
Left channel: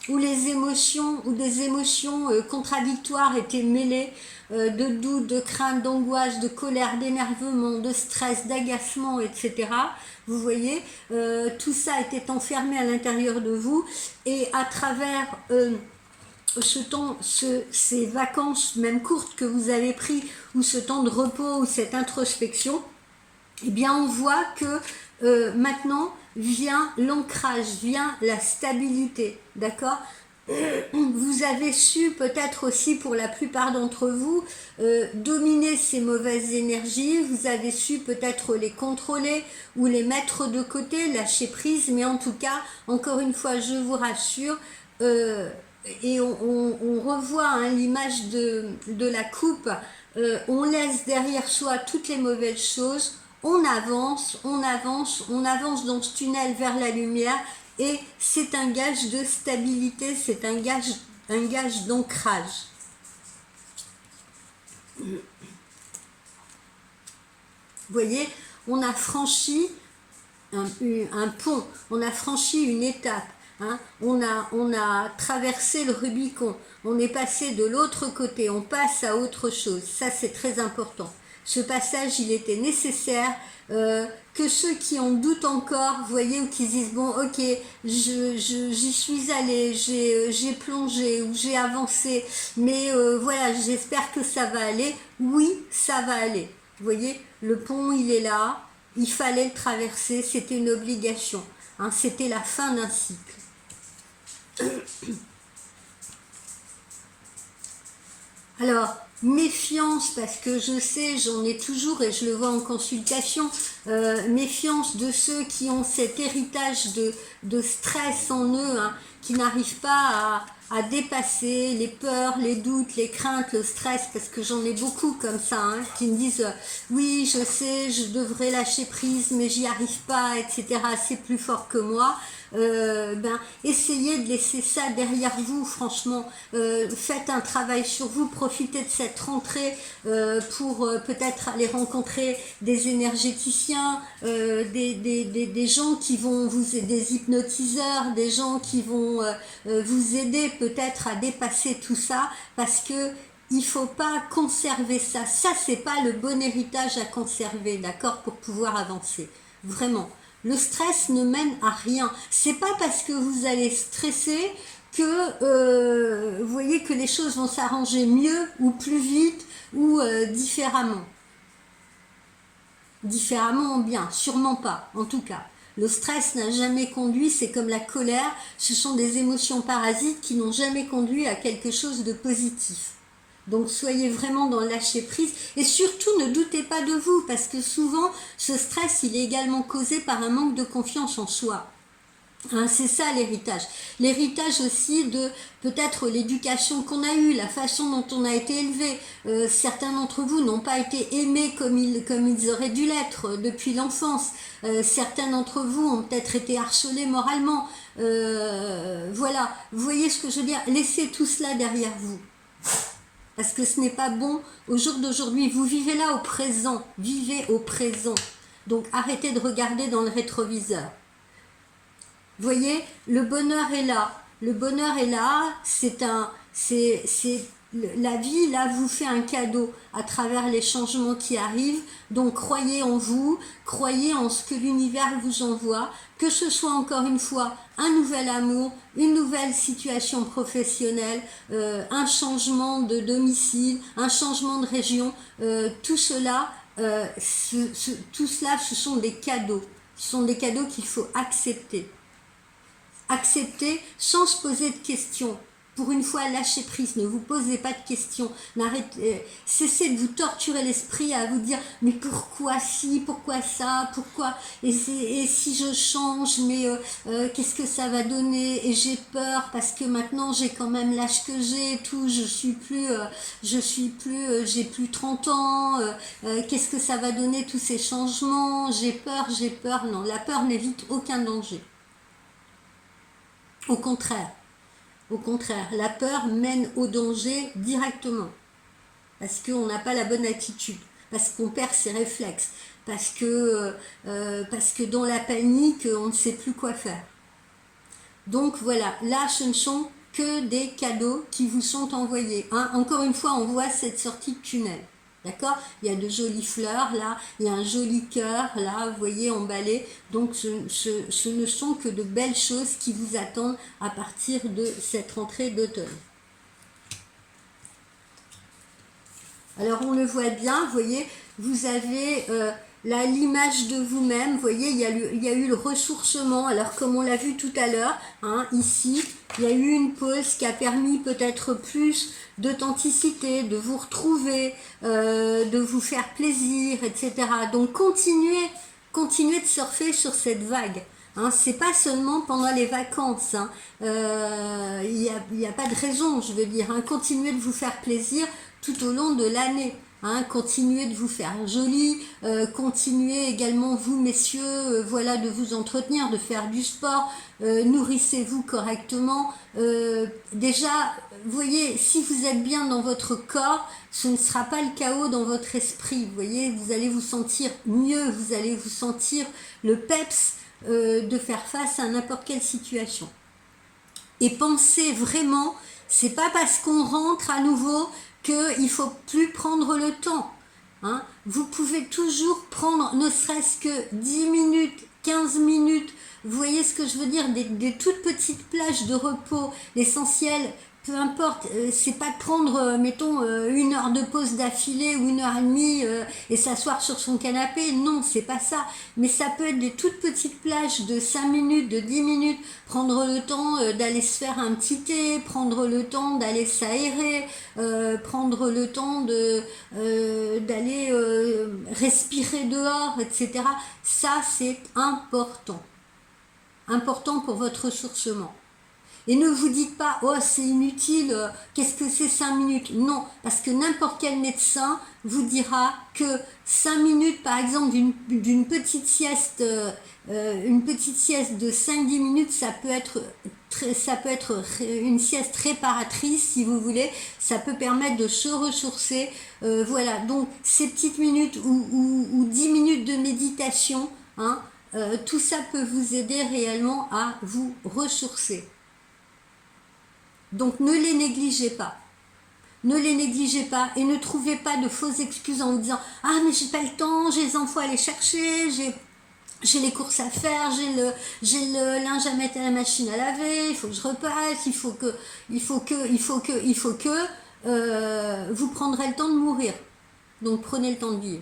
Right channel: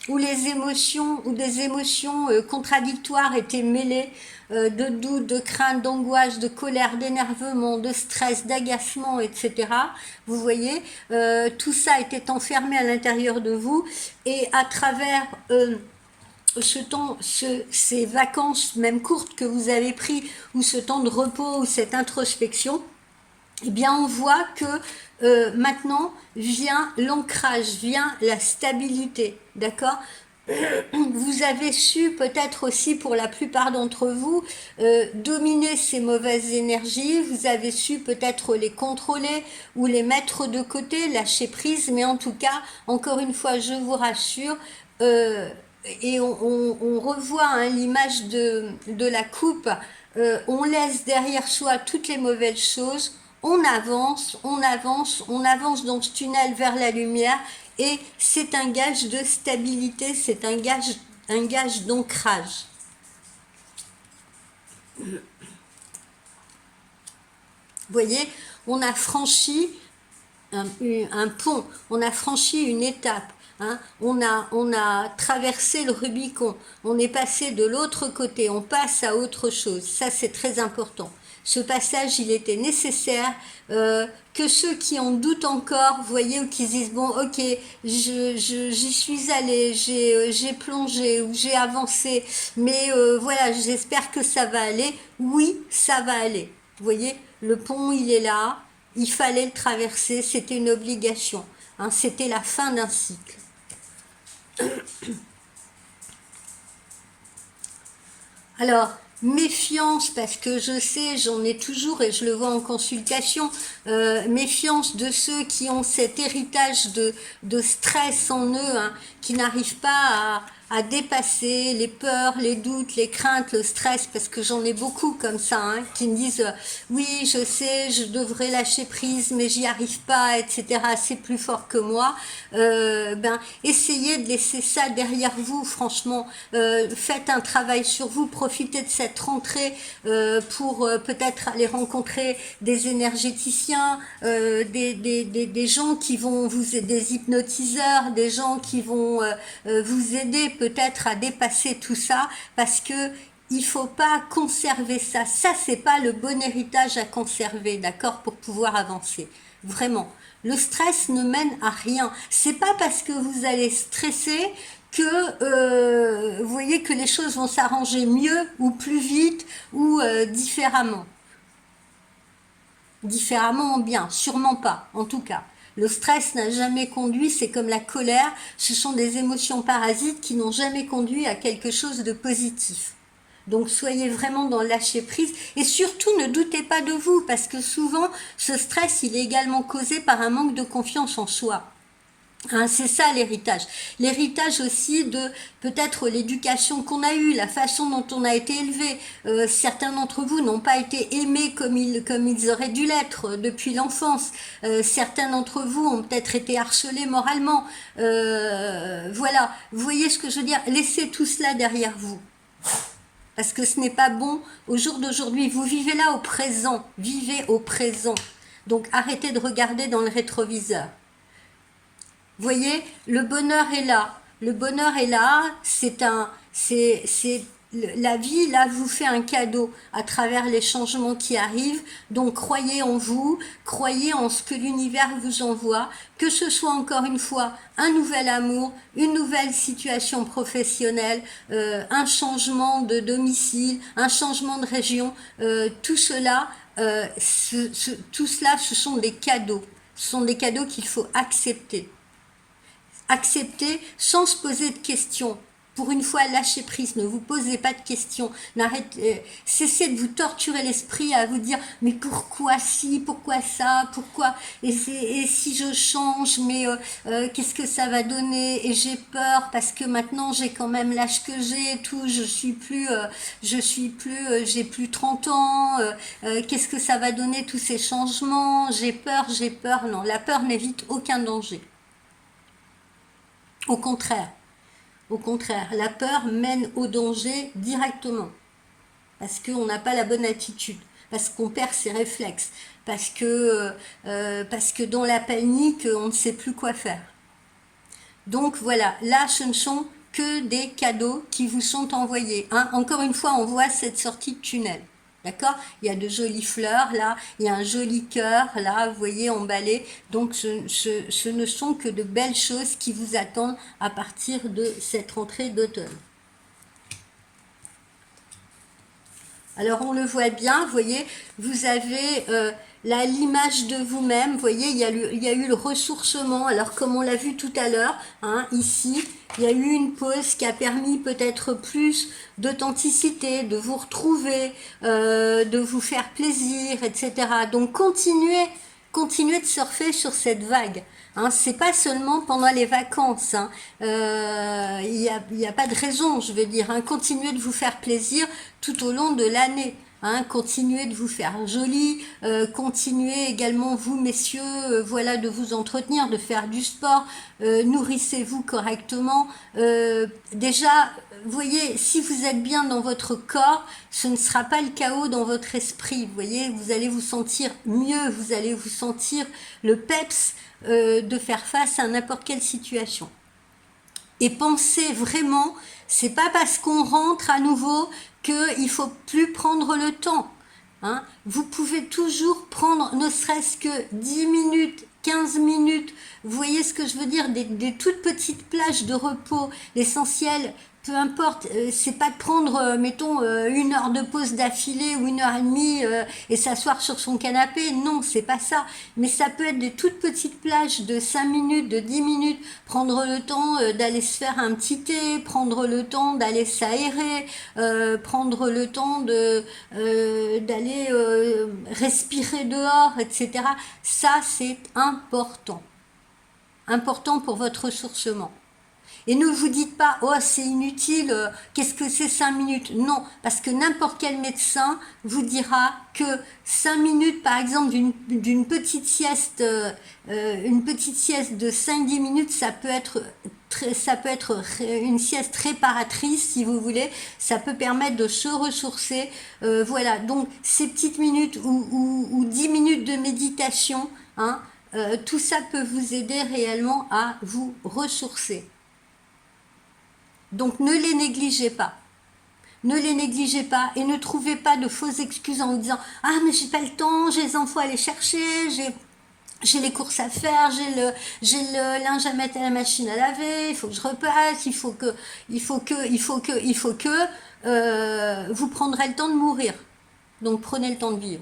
où les émotions ou des émotions contradictoires étaient mêlées de doute, de crainte, d'angoisse, de colère, d'énervement, de stress, d'agacement, etc. Vous voyez, tout ça était enfermé à l'intérieur de vous et à travers ces vacances, même courtes que vous avez pris, ou ce temps de repos, ou cette introspection, eh bien on voit que maintenant vient l'ancrage, vient la stabilité, d'accord? Vous avez su peut-être aussi pour la plupart d'entre vous dominer ces mauvaises énergies, vous avez su peut-être les contrôler ou les mettre de côté, lâcher prise, mais en tout cas, encore une fois, je vous rassure, et on revoit hein, l'image de la coupe, on laisse derrière soi toutes les mauvaises choses, on avance, on avance, on avance dans ce tunnel vers la lumière et c'est un gage de stabilité, c'est un gage d'ancrage. Vous voyez, on a franchi un pont, on a franchi une étape. Hein, on a traversé le Rubicon, on est passé de l'autre côté, on passe à autre chose. Ça, c'est très important. Ce passage, il était nécessaire. Que ceux qui en doutent encore, vous voyez, ou qui disent, bon, ok, j'y suis allé, j'ai plongé ou j'ai avancé, mais voilà, j'espère que ça va aller. Oui, ça va aller. Vous voyez, le pont, il est là, il fallait le traverser, c'était une obligation. Hein, c'était la fin d'un cycle. Alors, méfiance, parce que je sais, j'en ai toujours et je le vois en consultation, méfiance de ceux qui ont cet héritage de stress en eux, hein, qui n'arrivent pas à dépasser les peurs, les doutes, les craintes, le stress, parce que j'en ai beaucoup comme ça, hein, qui me disent oui, je sais, je devrais lâcher prise, mais j'y arrive pas, etc. C'est plus fort que moi. Essayez de laisser ça derrière vous, franchement. Faites un travail sur vous, profitez de cette rentrée pour peut-être aller rencontrer des énergéticiens, des gens qui vont vous aider, des hypnotiseurs, des gens qui vont vous aider peut-être à dépasser tout ça, parce que il faut pas conserver ça. Ça, c'est pas le bon héritage à conserver, d'accord, pour pouvoir avancer. Vraiment. Le stress ne mène à rien. C'est pas parce que vous allez stresser que vous voyez que les choses vont s'arranger mieux ou plus vite ou différemment. Différemment ou bien, sûrement pas, en tout cas. Le stress n'a jamais conduit, c'est comme la colère, ce sont des émotions parasites qui n'ont jamais conduit à quelque chose de positif. Donc soyez vraiment dans le lâcher prise et surtout ne doutez pas de vous parce que souvent ce stress il est également causé par un manque de confiance en soi. Hein, c'est ça l'héritage. L'héritage aussi de peut-être l'éducation qu'on a eue, la façon dont on a été élevé. Certains d'entre vous n'ont pas été aimés comme ils auraient dû l'être depuis l'enfance. Certains d'entre vous ont peut-être été harcelés moralement. Voilà, vous voyez ce que je veux dire. Laissez tout cela derrière vous. Parce que ce n'est pas bon au jour d'aujourd'hui. Vous vivez là au présent. Vivez au présent. Donc arrêtez de regarder dans le rétroviseur. voyez, le bonheur est là. Le bonheur est là, la vie, là, vous fait un cadeau à travers les changements qui arrivent. Donc, croyez en vous, croyez en ce que l'univers vous envoie, que ce soit encore une fois un nouvel amour, une nouvelle situation professionnelle, un changement de domicile, un changement de région, tout cela, tout cela, ce sont des cadeaux. Ce sont des cadeaux qu'il faut accepter. Accepter sans se poser de questions. Pour une fois, lâchez prise, ne vous posez pas de questions. Cessez de vous torturer l'esprit à vous dire mais pourquoi ci, pourquoi ça, pourquoi et si je change, mais qu'est-ce que ça va donner? Et j'ai peur parce que maintenant j'ai quand même l'âge que j'ai, tout, j'ai plus 30 ans. Qu'est-ce que ça va donner tous ces changements? J'ai peur. Non, la peur n'évite aucun danger. Au contraire, la peur mène au danger directement. Parce qu'on n'a pas la bonne attitude, parce qu'on perd ses réflexes, parce que dans la panique, on ne sait plus quoi faire. Donc voilà, là ce ne sont que des cadeaux qui vous sont envoyés. Hein. Encore une fois, on voit cette sortie de tunnel. D'accord? Il y a de jolies fleurs là, il y a un joli cœur là, vous voyez, emballé. Donc ce ne sont que de belles choses qui vous attendent à partir de cette rentrée d'automne. Alors on le voit bien, vous voyez, vous avez là l'image de vous-même, vous voyez, il y a eu le ressourcement. Alors comme on l'a vu tout à l'heure, hein, ici, il y a eu une pause qui a permis peut-être plus d'authenticité, de vous retrouver, de vous faire plaisir, etc. Donc continuez de surfer sur cette vague. Hein, c'est pas seulement pendant les vacances. Hein. Il y a pas de raison, je veux dire. Hein, continuez de vous faire plaisir tout au long de l'année. Hein, continuez de vous faire joli, continuez également vous messieurs, voilà, de vous entretenir, de faire du sport, nourrissez-vous correctement. Déjà, vous voyez, si vous êtes bien dans votre corps, ce ne sera pas le chaos dans votre esprit. Vous voyez, vous allez vous sentir mieux, vous allez vous sentir le peps de faire face à n'importe quelle situation. Et pensez vraiment, c'est pas parce qu'on rentre à nouveau qu'il faut plus prendre le temps. Hein. Vous pouvez toujours prendre ne serait-ce que 10 minutes, 15 minutes. Vous voyez ce que je veux dire, des toutes petites plages de repos. L'essentiel, peu importe, c'est pas de prendre, mettons, 1 heure de pause d'affilée ou 1 heure et demie et s'asseoir sur son canapé. Non, c'est pas ça. Mais ça peut être des toutes petites plages de 5 minutes, de 10 minutes. Prendre le temps d'aller se faire un petit thé, prendre le temps d'aller s'aérer, prendre le temps d'aller respirer dehors, etc. Ça, c'est important. Important pour votre ressourcement. Et ne vous dites pas, oh c'est inutile, qu'est-ce que c'est 5 minutes? Non, parce que n'importe quel médecin vous dira que 5 minutes, par exemple, d'une petite sieste, une petite sieste de 5-10 minutes, ça peut être une sieste réparatrice, si vous voulez, ça peut permettre de se ressourcer. Voilà, donc ces petites minutes ou 10 minutes de méditation, hein, tout ça peut vous aider réellement à vous ressourcer. Donc ne les négligez pas. Ne les négligez pas et ne trouvez pas de fausses excuses en disant « Ah mais j'ai pas le temps, j'ai les enfants à aller chercher, j'ai les courses à faire, j'ai le linge à mettre à la machine à laver, il faut que je repasse, il faut que, vous prendrez le temps de mourir. Donc prenez le temps de vivre. »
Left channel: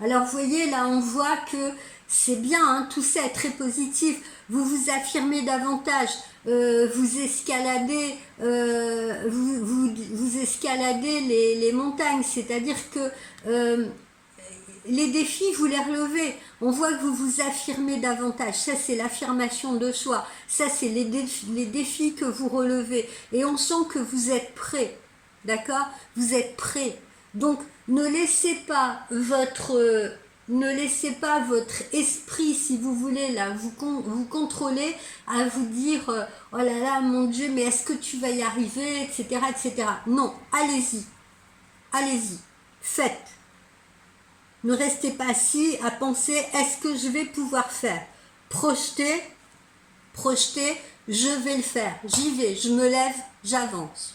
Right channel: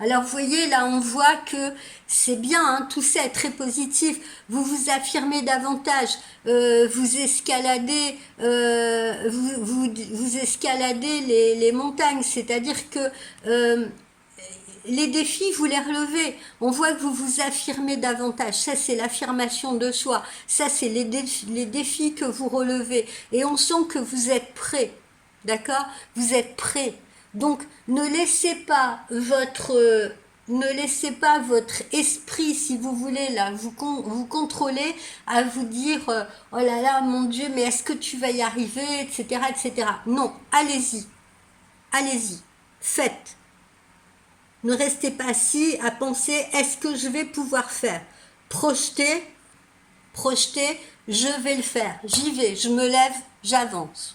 Alors vous voyez, là on voit que c'est bien, hein, tout ça est très positif, vous vous affirmez davantage, vous escaladez, vous escaladez les montagnes, c'est-à-dire que les défis, vous les relevez, on voit que vous vous affirmez davantage, ça c'est l'affirmation de soi, ça c'est les défis que vous relevez, et on sent que vous êtes prêt, d'accord? Vous êtes prêt. Donc, ne laissez pas votre esprit, si vous voulez, là, vous contrôler à vous dire oh là là, mon Dieu, mais est-ce que tu vas y arriver, etc., etc. Non, allez-y, faites. Ne restez pas assis à penser, est-ce que je vais pouvoir faire? Projetez, projetez, je vais le faire, j'y vais, je me lève, j'avance.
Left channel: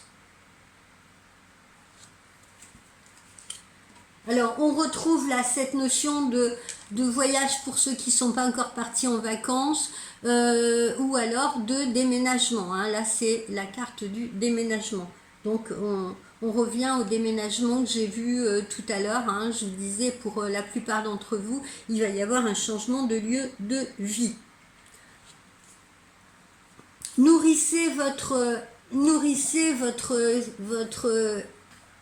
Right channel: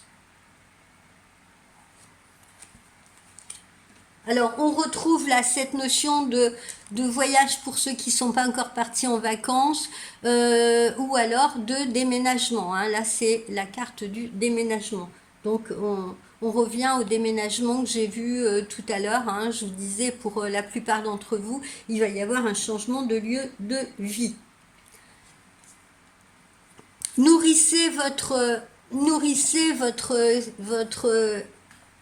Alors, on retrouve là cette notion de voyage pour ceux qui ne sont pas encore partis en vacances, ou alors de déménagement. Hein. Là, c'est la carte du déménagement. Donc, on revient au déménagement que j'ai vu tout à l'heure. Hein. Je vous disais, pour la plupart d'entre vous, il va y avoir un changement de lieu de vie. Nourrissez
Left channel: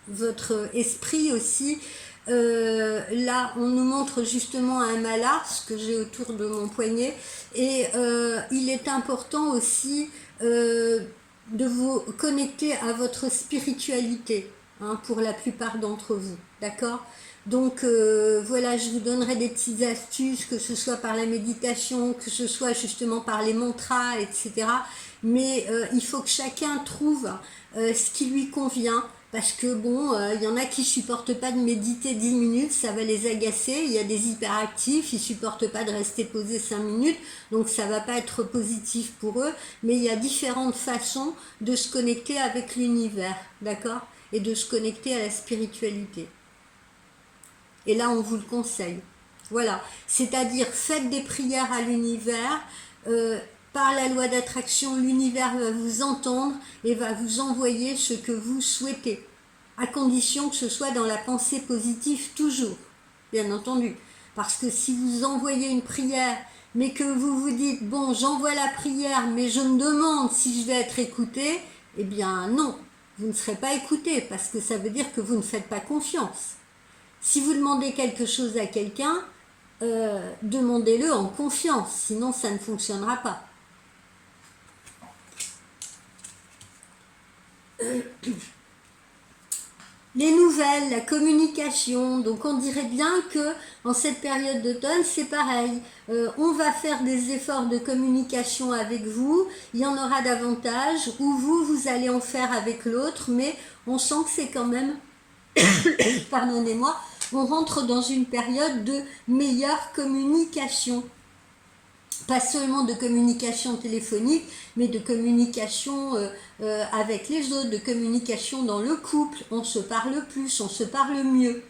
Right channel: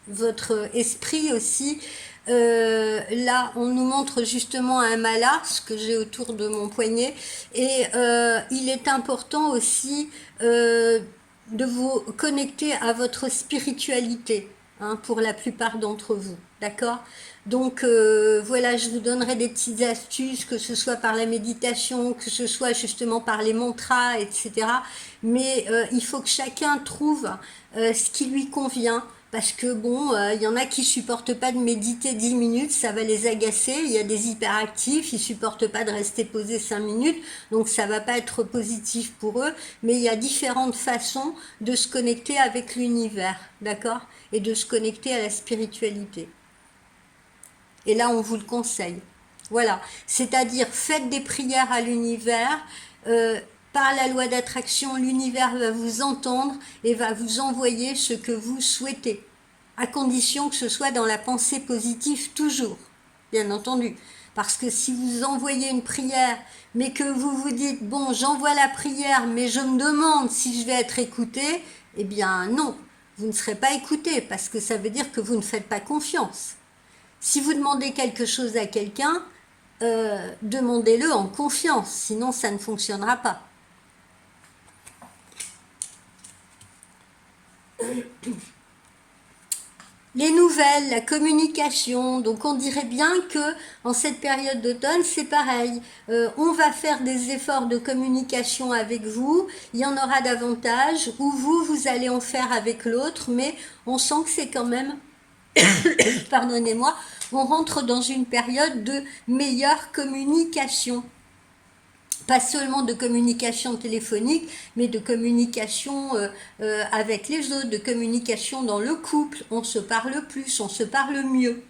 votre esprit aussi. Là, on nous montre justement un mala, ce que j'ai autour de mon poignet, et il est important aussi de vous connecter à votre spiritualité, hein, pour la plupart d'entre vous, d'accord? Donc voilà, je vous donnerai des petites astuces, que ce soit par la méditation, que ce soit justement par les mantras, etc. Mais il faut que chacun trouve ce qui lui convient. Parce que bon, il y en a qui supportent pas de méditer 10 minutes, ça va les agacer. Il y a des hyperactifs, ils supportent pas de rester posés 5 minutes, donc ça va pas être positif pour eux. Mais il y a différentes façons de se connecter avec l'univers, d'accord? Et de se connecter à la spiritualité. Et là, on vous le conseille. Voilà, c'est-à-dire faites des prières à l'univers. Par la loi d'attraction, l'univers va vous entendre et va vous envoyer ce que vous souhaitez, à condition que ce soit dans la pensée positive toujours, bien entendu. Parce que si vous envoyez une prière, mais que vous vous dites, bon, j'envoie la prière, mais je me demande si je vais être écouté, eh bien non, vous ne serez pas écouté, parce que ça veut dire que vous ne faites pas confiance. Si vous demandez quelque chose à quelqu'un, demandez-le en confiance, sinon ça ne fonctionnera pas. Les nouvelles, la communication, donc on dirait bien que en cette période d'automne c'est pareil, on va faire des efforts de communication avec vous, il y en aura davantage, ou vous allez en faire avec l'autre, mais on sent que c'est quand même, pardonnez-moi, on rentre dans une période de meilleure communication. Pas seulement de communication téléphonique, mais de communication avec les autres, de communication dans le couple. On se parle plus, on se parle mieux.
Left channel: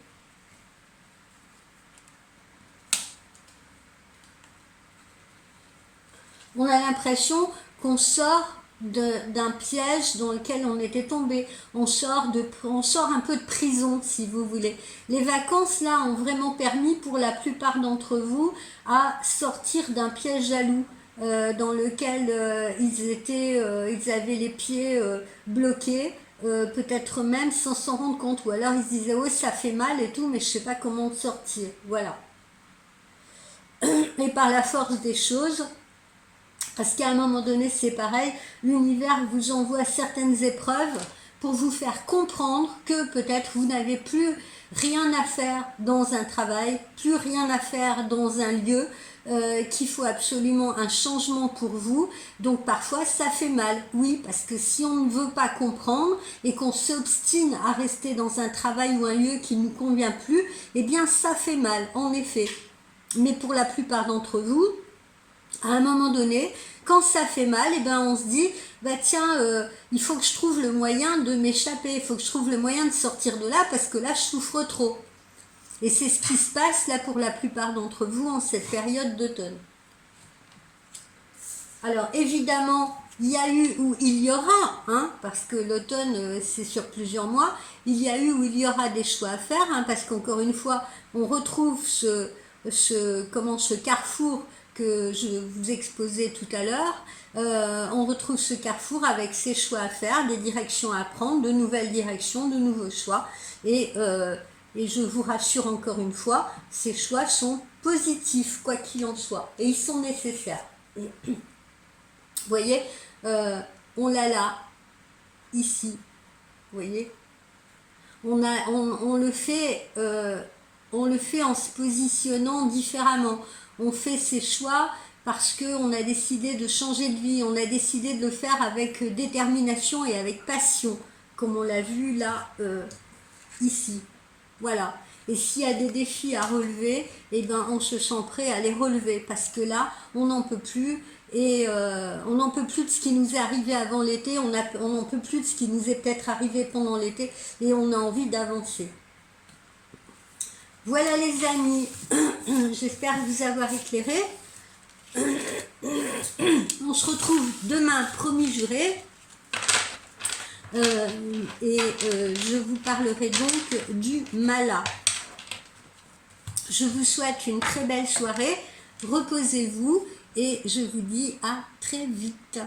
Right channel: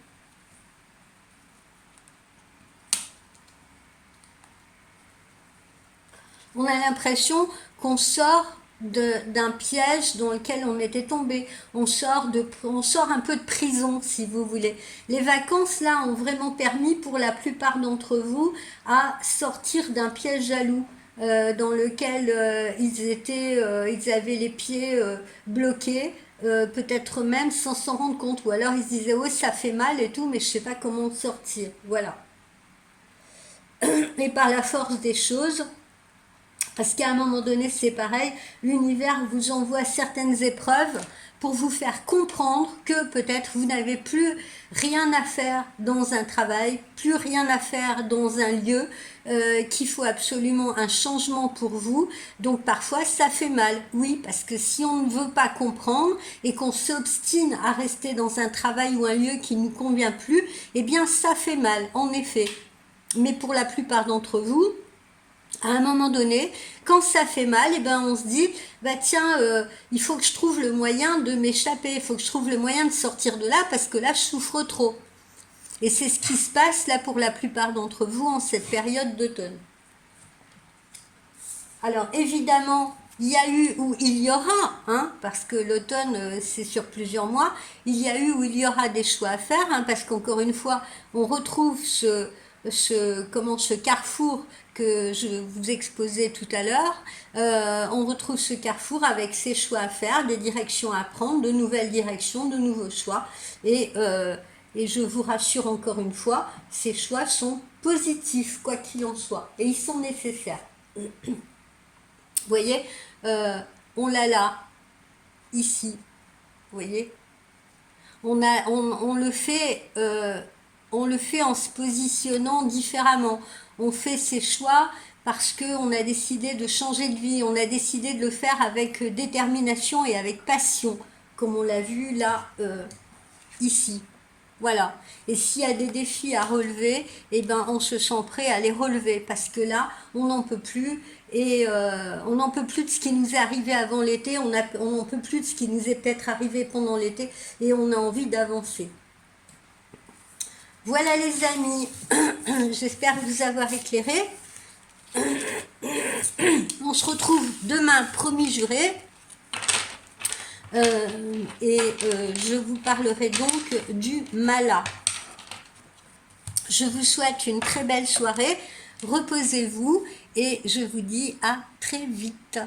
On a l'impression qu'on sort d'un piège dans lequel on était tombé. On sort un peu de prison, si vous voulez. Les vacances, là, ont vraiment permis, pour la plupart d'entre vous, à sortir d'un piège jaloux dans lequel ils avaient les pieds bloqués, peut-être même sans s'en rendre compte. Ou alors ils se disaient, ouais, ça fait mal et tout, mais je sais pas comment sortir. Voilà. Et par la force des choses, parce qu'à un moment donné, c'est pareil, l'univers vous envoie certaines épreuves pour vous faire comprendre que peut-être vous n'avez plus rien à faire dans un travail, plus rien à faire dans un lieu, qu'il faut absolument un changement pour vous. Donc parfois, ça fait mal, oui, parce que si on ne veut pas comprendre et qu'on s'obstine à rester dans un travail ou un lieu qui ne nous convient plus, eh bien ça fait mal, en effet. Mais pour la plupart d'entre vous, à un moment donné, quand ça fait mal, eh ben on se dit, bah tiens, il faut que je trouve le moyen de m'échapper, il faut que je trouve le moyen de sortir de là parce que là je souffre trop. Et c'est ce qui se passe là pour la plupart d'entre vous en cette période d'automne. Alors évidemment, il y a eu ou il y aura, hein, parce que l'automne c'est sur plusieurs mois, il y a eu ou il y aura des choix à faire, hein, parce qu'encore une fois, on retrouve ce carrefour que je vous exposais tout à l'heure. On retrouve ce carrefour avec ses choix à faire, des directions à prendre, de nouvelles directions, de nouveaux choix. Et je vous rassure encore une fois, ces choix sont positifs, quoi qu'il en soit. Et ils sont nécessaires. Vous voyez, on l'a là, ici. Vous voyez, on le fait en se positionnant différemment. On fait ses choix parce qu'on a décidé de changer de vie, on a décidé de le faire avec détermination et avec passion, comme on l'a vu là, ici. Voilà. Et s'il y a des défis à relever, eh ben, on se sent prêt à les relever parce que là, on n'en peut plus et on n'en peut plus de ce qui nous est arrivé avant l'été, on n'en peut plus de ce qui nous est peut-être arrivé pendant l'été et on a envie d'avancer. Voilà les amis, j'espère vous avoir éclairé. On se retrouve demain, promis juré. Je vous parlerai donc du mala. Je vous souhaite une très belle soirée, reposez-vous et je vous dis à très vite.